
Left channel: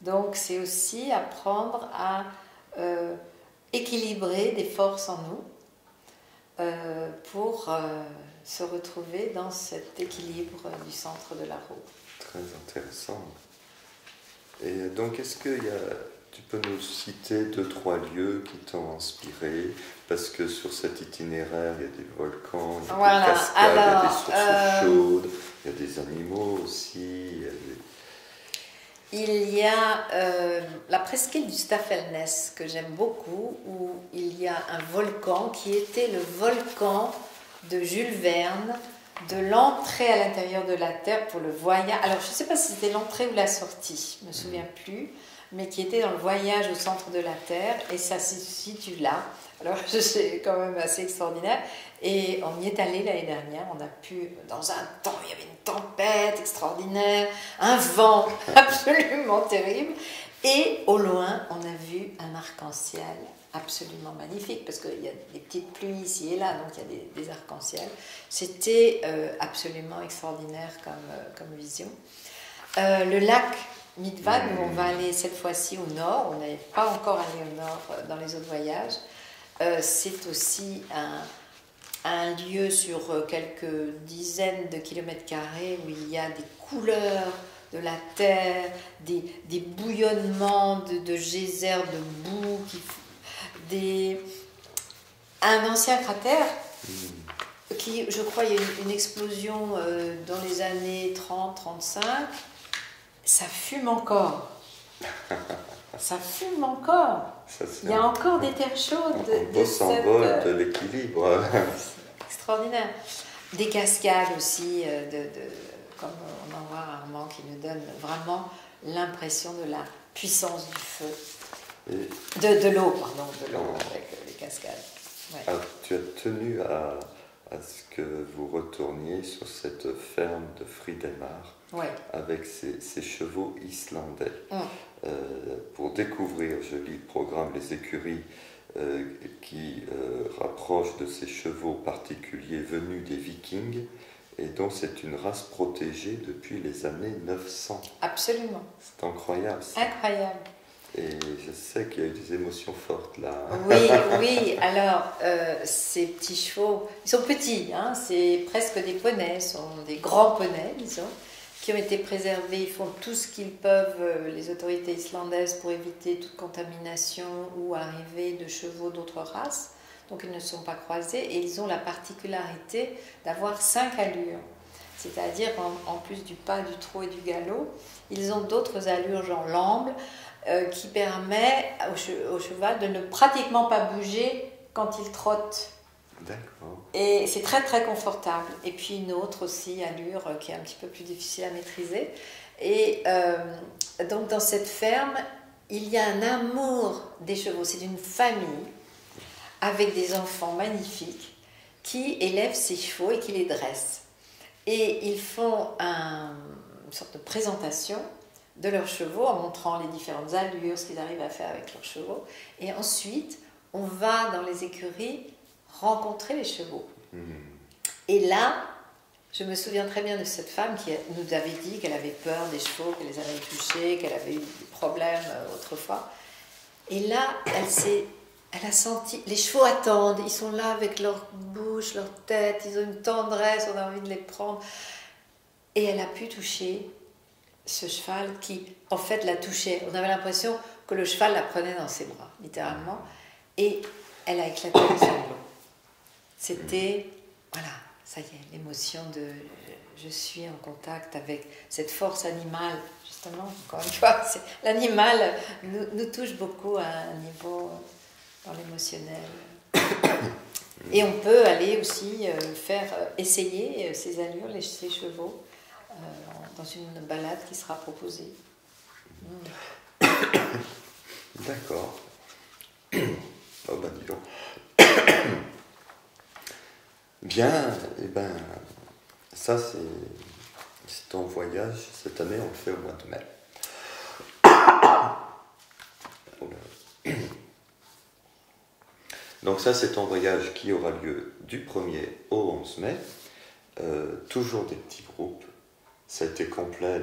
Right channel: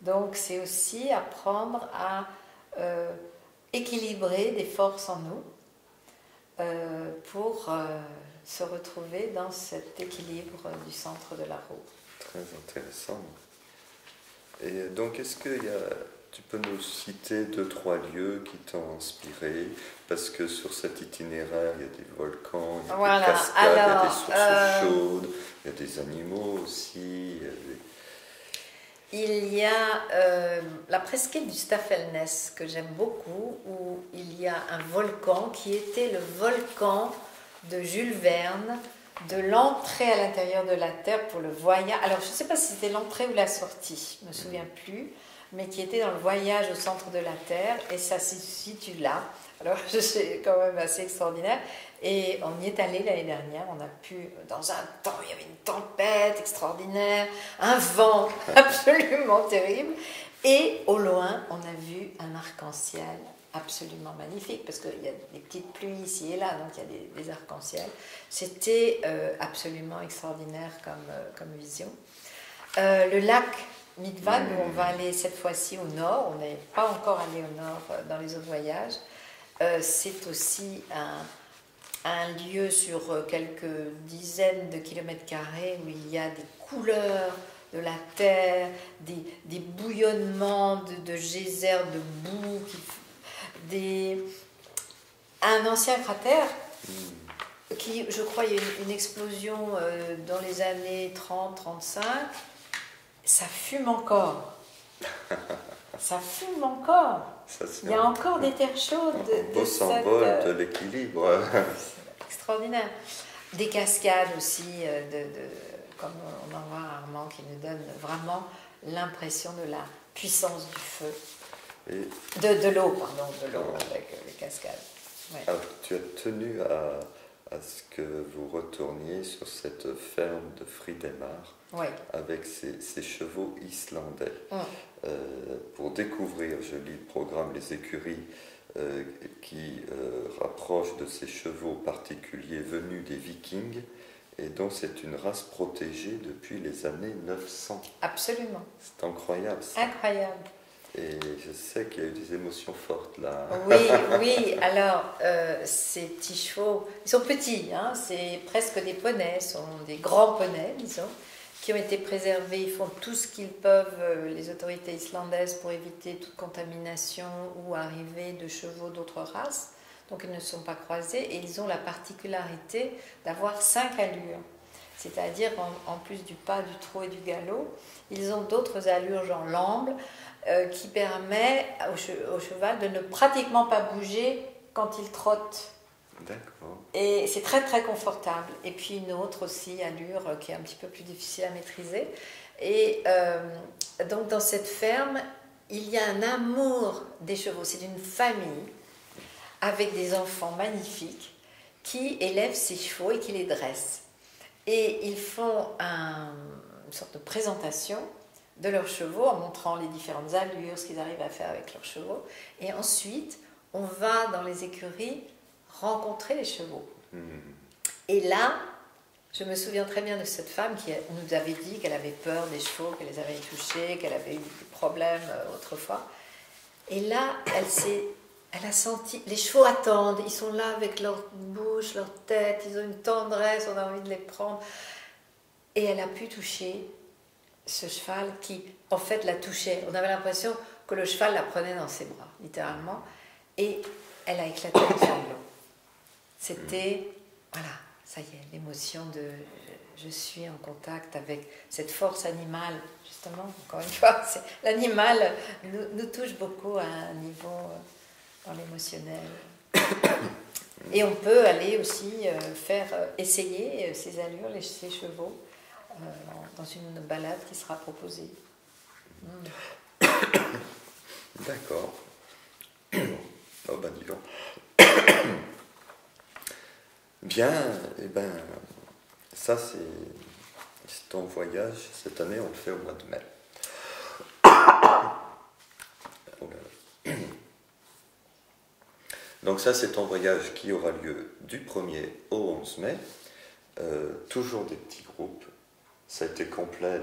Donc, c'est aussi apprendre à équilibrer des forces en nous pour se retrouver dans cet équilibre du centre de la roue. Très intéressant. Et donc, est-ce que tu peux nous citer 2-3 lieux qui t'ont inspiré? Parce que sur cet itinéraire, il y a des volcans, il y a des cascades, il y a des sources chaudes, il y a des animaux aussi. Il y a la presqu'île du Staffelness que j'aime beaucoup, où il y a un volcan qui était le volcan de Jules Verne, de l'entrée à l'intérieur de la Terre pour le voyage. Alors, je ne sais pas si c'était l'entrée ou la sortie, je ne me souviens plus, mais qui était dans le voyage au centre de la Terre, et ça se situe là. Alors c'est quand même assez extraordinaire. Et on y est allé l'année dernière, on a pu, dans un temps, il y avait une tempête extraordinaire, un vent absolument terrible, et au loin, on a vu un arc-en-ciel absolument magnifique, parce qu'il y a des petites pluies ici et là, donc il y a des arcs-en-ciel. C'était absolument extraordinaire comme vision. Le lac Midvad, où on va aller cette fois-ci au nord, on n'est pas encore allé au nord dans les autres voyages, c'est aussi un lieu sur quelques dizaines de kilomètres carrés où il y a des couleurs de la terre, des bouillonnements de geysers de boue, un ancien cratère qui, je crois, il y a eu une explosion dans les années 30-35. Ça fume encore. Ça fume encore. Il y a encore des terres chaudes. Un beau symbole de l'équilibre. C'est extraordinaire. Des cascades aussi, comme on en voit rarement, qui nous donnent vraiment l'impression de la puissance du feu. De l'eau, pardon, de l'eau avec les cascades. Ouais. Alors, tu as tenu à ce que vous retourniez sur cette ferme de Friedemar, ouais, avec ces chevaux islandais. Pour découvrir, je lis le programme, les écuries qui rapprochent de ces chevaux particuliers venus des Vikings, et donc c'est une race protégée depuis les années 900. Absolument. C'est incroyable. Ça. Incroyable. Et je sais qu'il y a eu des émotions fortes là. Oui, oui. Alors, ces petits chevaux, ils sont petits, hein, c'est presque des poneys, sont des grands poneys, disons, qui ont été préservés. Ils font tout ce qu'ils peuvent, les autorités islandaises, pour éviter toute contamination ou arrivée de chevaux d'autres races. Donc, ils ne sont pas croisés et ils ont la particularité d'avoir 5 allures. C'est-à-dire, en plus du pas, du trot et du galop, ils ont d'autres allures, genre l'amble, qui permet au cheval de ne pratiquement pas bouger quand il trotte. D'accord. Et c'est très très confortable. Et puis une autre aussi allure qui est un petit peu plus difficile à maîtriser. Et donc dans cette ferme, il y a un amour des chevaux. C'est une famille avec des enfants magnifiques qui élèvent ces chevaux et qui les dressent. Et ils font une sorte de présentation de leurs chevaux en montrant les différentes allures, ce qu'ils arrivent à faire avec leurs chevaux. Et ensuite, on va dans les écuries rencontrer les chevaux. Et là, je me souviens très bien de cette femme qui nous avait dit qu'elle avait peur des chevaux, qu'elle les avait touchés, qu'elle avait eu des problèmes autrefois. Et là, elle a senti, les chevaux attendent, ils sont là avec leur bouche, leur tête, ils ont une tendresse, on a envie de les prendre. Et elle a pu toucher ce cheval qui, en fait, la touchait. On avait l'impression que le cheval la prenait dans ses bras, littéralement. Et elle a éclaté en sanglots. C'était, voilà, ça y est, l'émotion de je suis en contact avec cette force animale, justement, encore une fois. L'animal nous touche beaucoup à un niveau dans l'émotionnel. Et on peut aller aussi essayer ces allures, ces chevaux, dans une balade qui sera proposée. D'accord. Oh ben dis donc. Bien, et ben ça c'est ton voyage. Cette année on le fait au mois de mai. Donc ça c'est ton voyage qui aura lieu du 1er au 11 mai. Toujours des petits groupes. Ça a été complet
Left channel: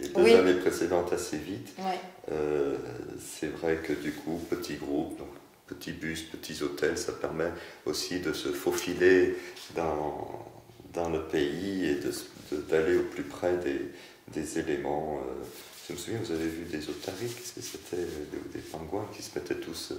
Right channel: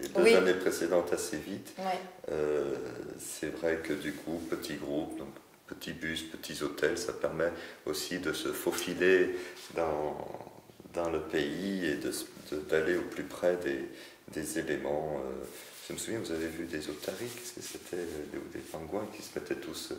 les 2 années précédentes assez vite. Ouais. C'est vrai que du coup, petits groupes, donc petits bus, petits hôtels, ça permet aussi de se faufiler dans le pays et d'aller au plus près des éléments. Je me souviens, vous avez vu des otaries, qu'est-ce que c'était, des pingouins qui se mettaient tous,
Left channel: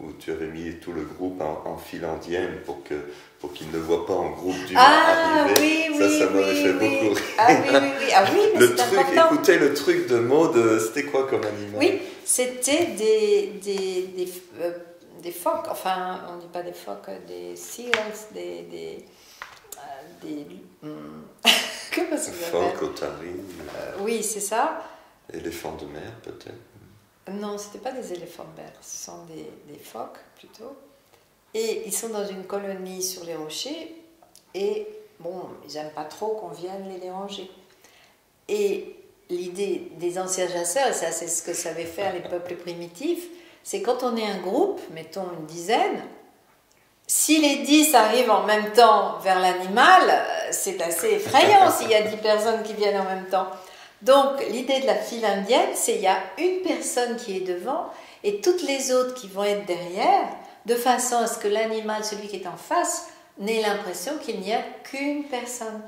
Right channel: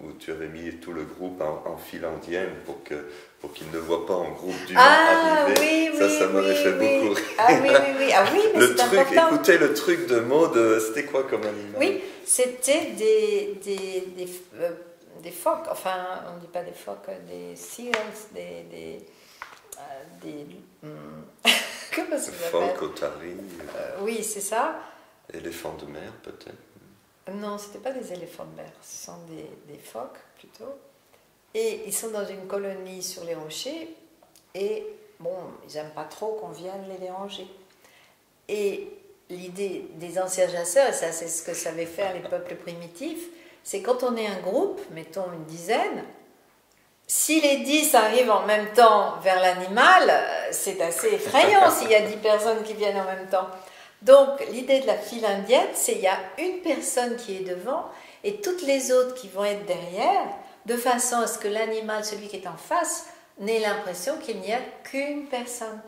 où tu avais mis tout le groupe en file indienne pour qu'ils ne voient pas en groupe d'humains arriver. Oui, ça m'avait fait beaucoup rire. Ah oui, mais c'est important. Écoutez le truc de Maud, c'était quoi comme animal? Oui, c'était des phoques, enfin, on ne dit pas des phoques, des seals, comment ça s'appelle? Phoques, otaries. Oui, c'est ça. Éléphants de mer, peut-être. Non, ce n'étaient pas des éléphants de mer, ce sont des phoques plutôt. Et ils sont dans une colonie sur les rochers et bon, ils n'aiment pas trop qu'on vienne les déranger. Et l'idée des anciens chasseurs, ça c'est ce que savaient faire les peuples primitifs, c'est quand on est un groupe, mettons une dizaine, si les 10 arrivent en même temps vers l'animal, c'est assez effrayant s'il y a 10 personnes qui viennent en même temps. Donc l'idée de la file indienne, c'est qu'il y a une personne qui est devant et toutes les autres qui vont être derrière, de façon à ce que l'animal, celui qui est en face, n'ait l'impression qu'il n'y a qu'une personne.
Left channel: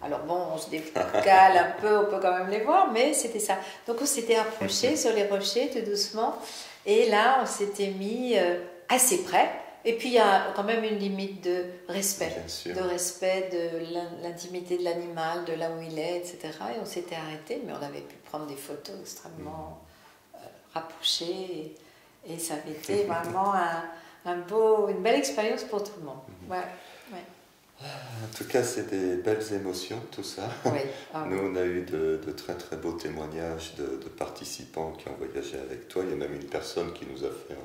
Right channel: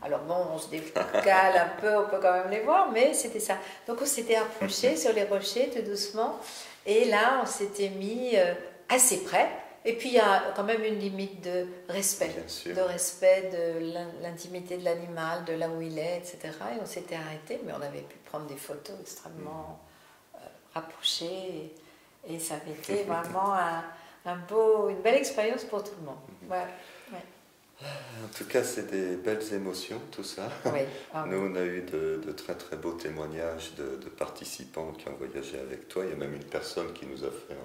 Alors bon, on se décale un peu, on peut quand même les voir, mais c'était ça. Donc on s'était approché sur les rochers tout doucement, et là on s'était mis assez près. Et puis il y a quand même une limite de respect de l'intimité de l'animal, de là où il est, etc. Et on s'était arrêté, mais on avait pu prendre des photos extrêmement rapprochées, et ça avait été vraiment une belle expérience pour tout le monde. Ouais, ouais. En tout cas, c'est des belles émotions, tout ça. Oui. Nous, on a eu de très très beaux témoignages de participants qui ont voyagé avec toi. Il y a même une personne qui nous a fait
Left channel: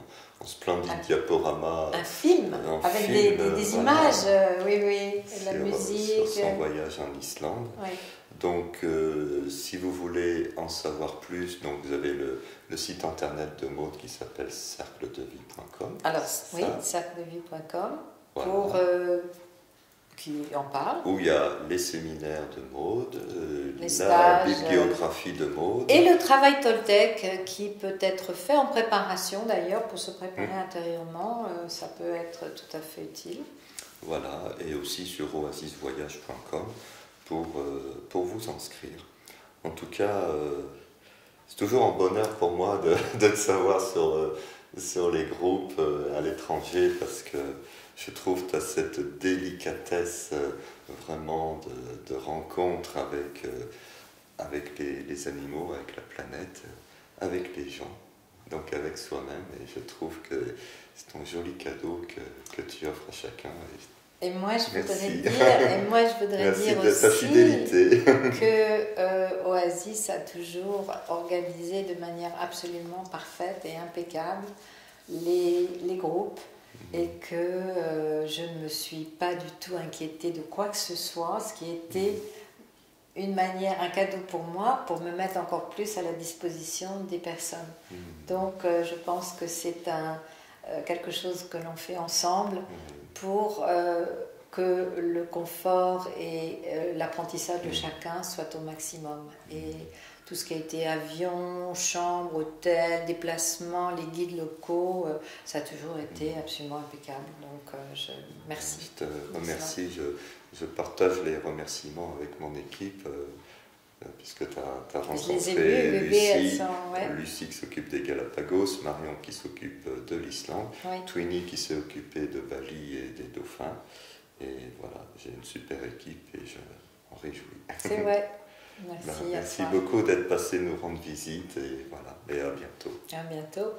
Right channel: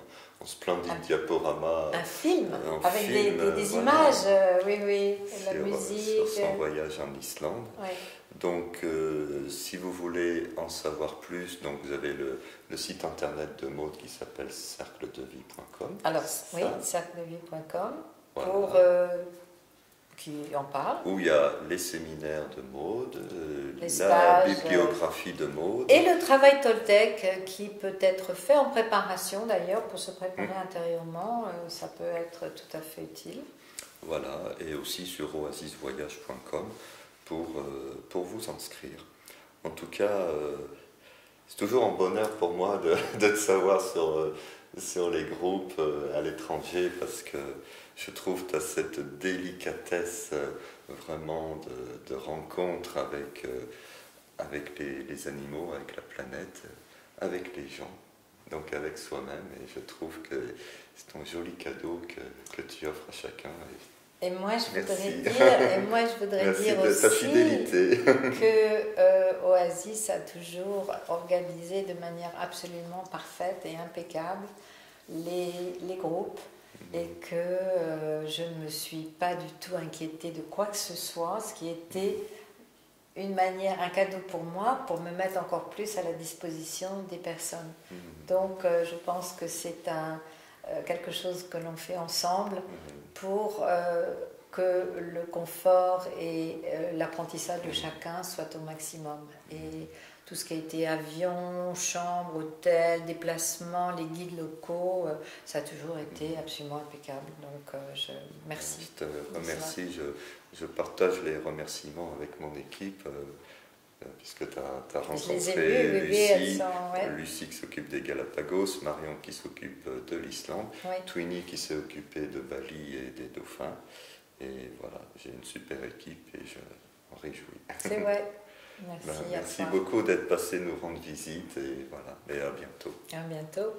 un splendide diaporama. Un film, avec des images, oui, de la musique. Sur son voyage en Islande. Oui. Donc, si vous voulez en savoir plus, donc vous avez le site internet de Maud qui s'appelle cercledevie.com. Alors, oui, cercledevie.com. Voilà. Pour... qui en parle. Où il y a les séminaires de Maud, la stages, bibliographie de Maud. Et le travail Toltec qui peut être fait en préparation d'ailleurs, pour se préparer intérieurement, ça peut être tout à fait utile. Voilà, et aussi sur oasisvoyage.com pour vous inscrire. En tout cas, c'est toujours un bonheur pour moi de te savoir sur les groupes à l'étranger, parce que je trouve que tu as cette délicatesse vraiment de rencontre avec les animaux, avec la planète, avec les gens, donc avec soi-même. Et je trouve que c'est un joli cadeau que tu offres à chacun. Et moi, je voudrais dire aussi que Oasis a toujours organisé de manière absolument parfaite et impeccable les groupes. Et que je ne me suis pas du tout inquiétée de quoi que ce soit, ce qui était un cadeau pour moi, pour me mettre encore plus à la disposition des personnes. Donc je pense que c'est quelque chose que l'on fait ensemble pour que le confort et l'apprentissage de chacun soient au maximum. Et tout ce qui a été avion, chambre, hôtel, déplacement, les guides locaux, ça a toujours été absolument impeccable. Donc, merci. Je te remercie. Je partage les remerciements avec mon équipe, puisque tu as rencontré Lucie qui s'occupe des Galapagos, Marion qui s'occupe de l'Islande, Twinny qui s'est occupée de Bali et des dauphins. Et voilà, j'ai une super équipe et je m'en réjouis. C'est vrai. Merci beaucoup d'être passé nous rendre visite, et voilà, et à bientôt. À bientôt.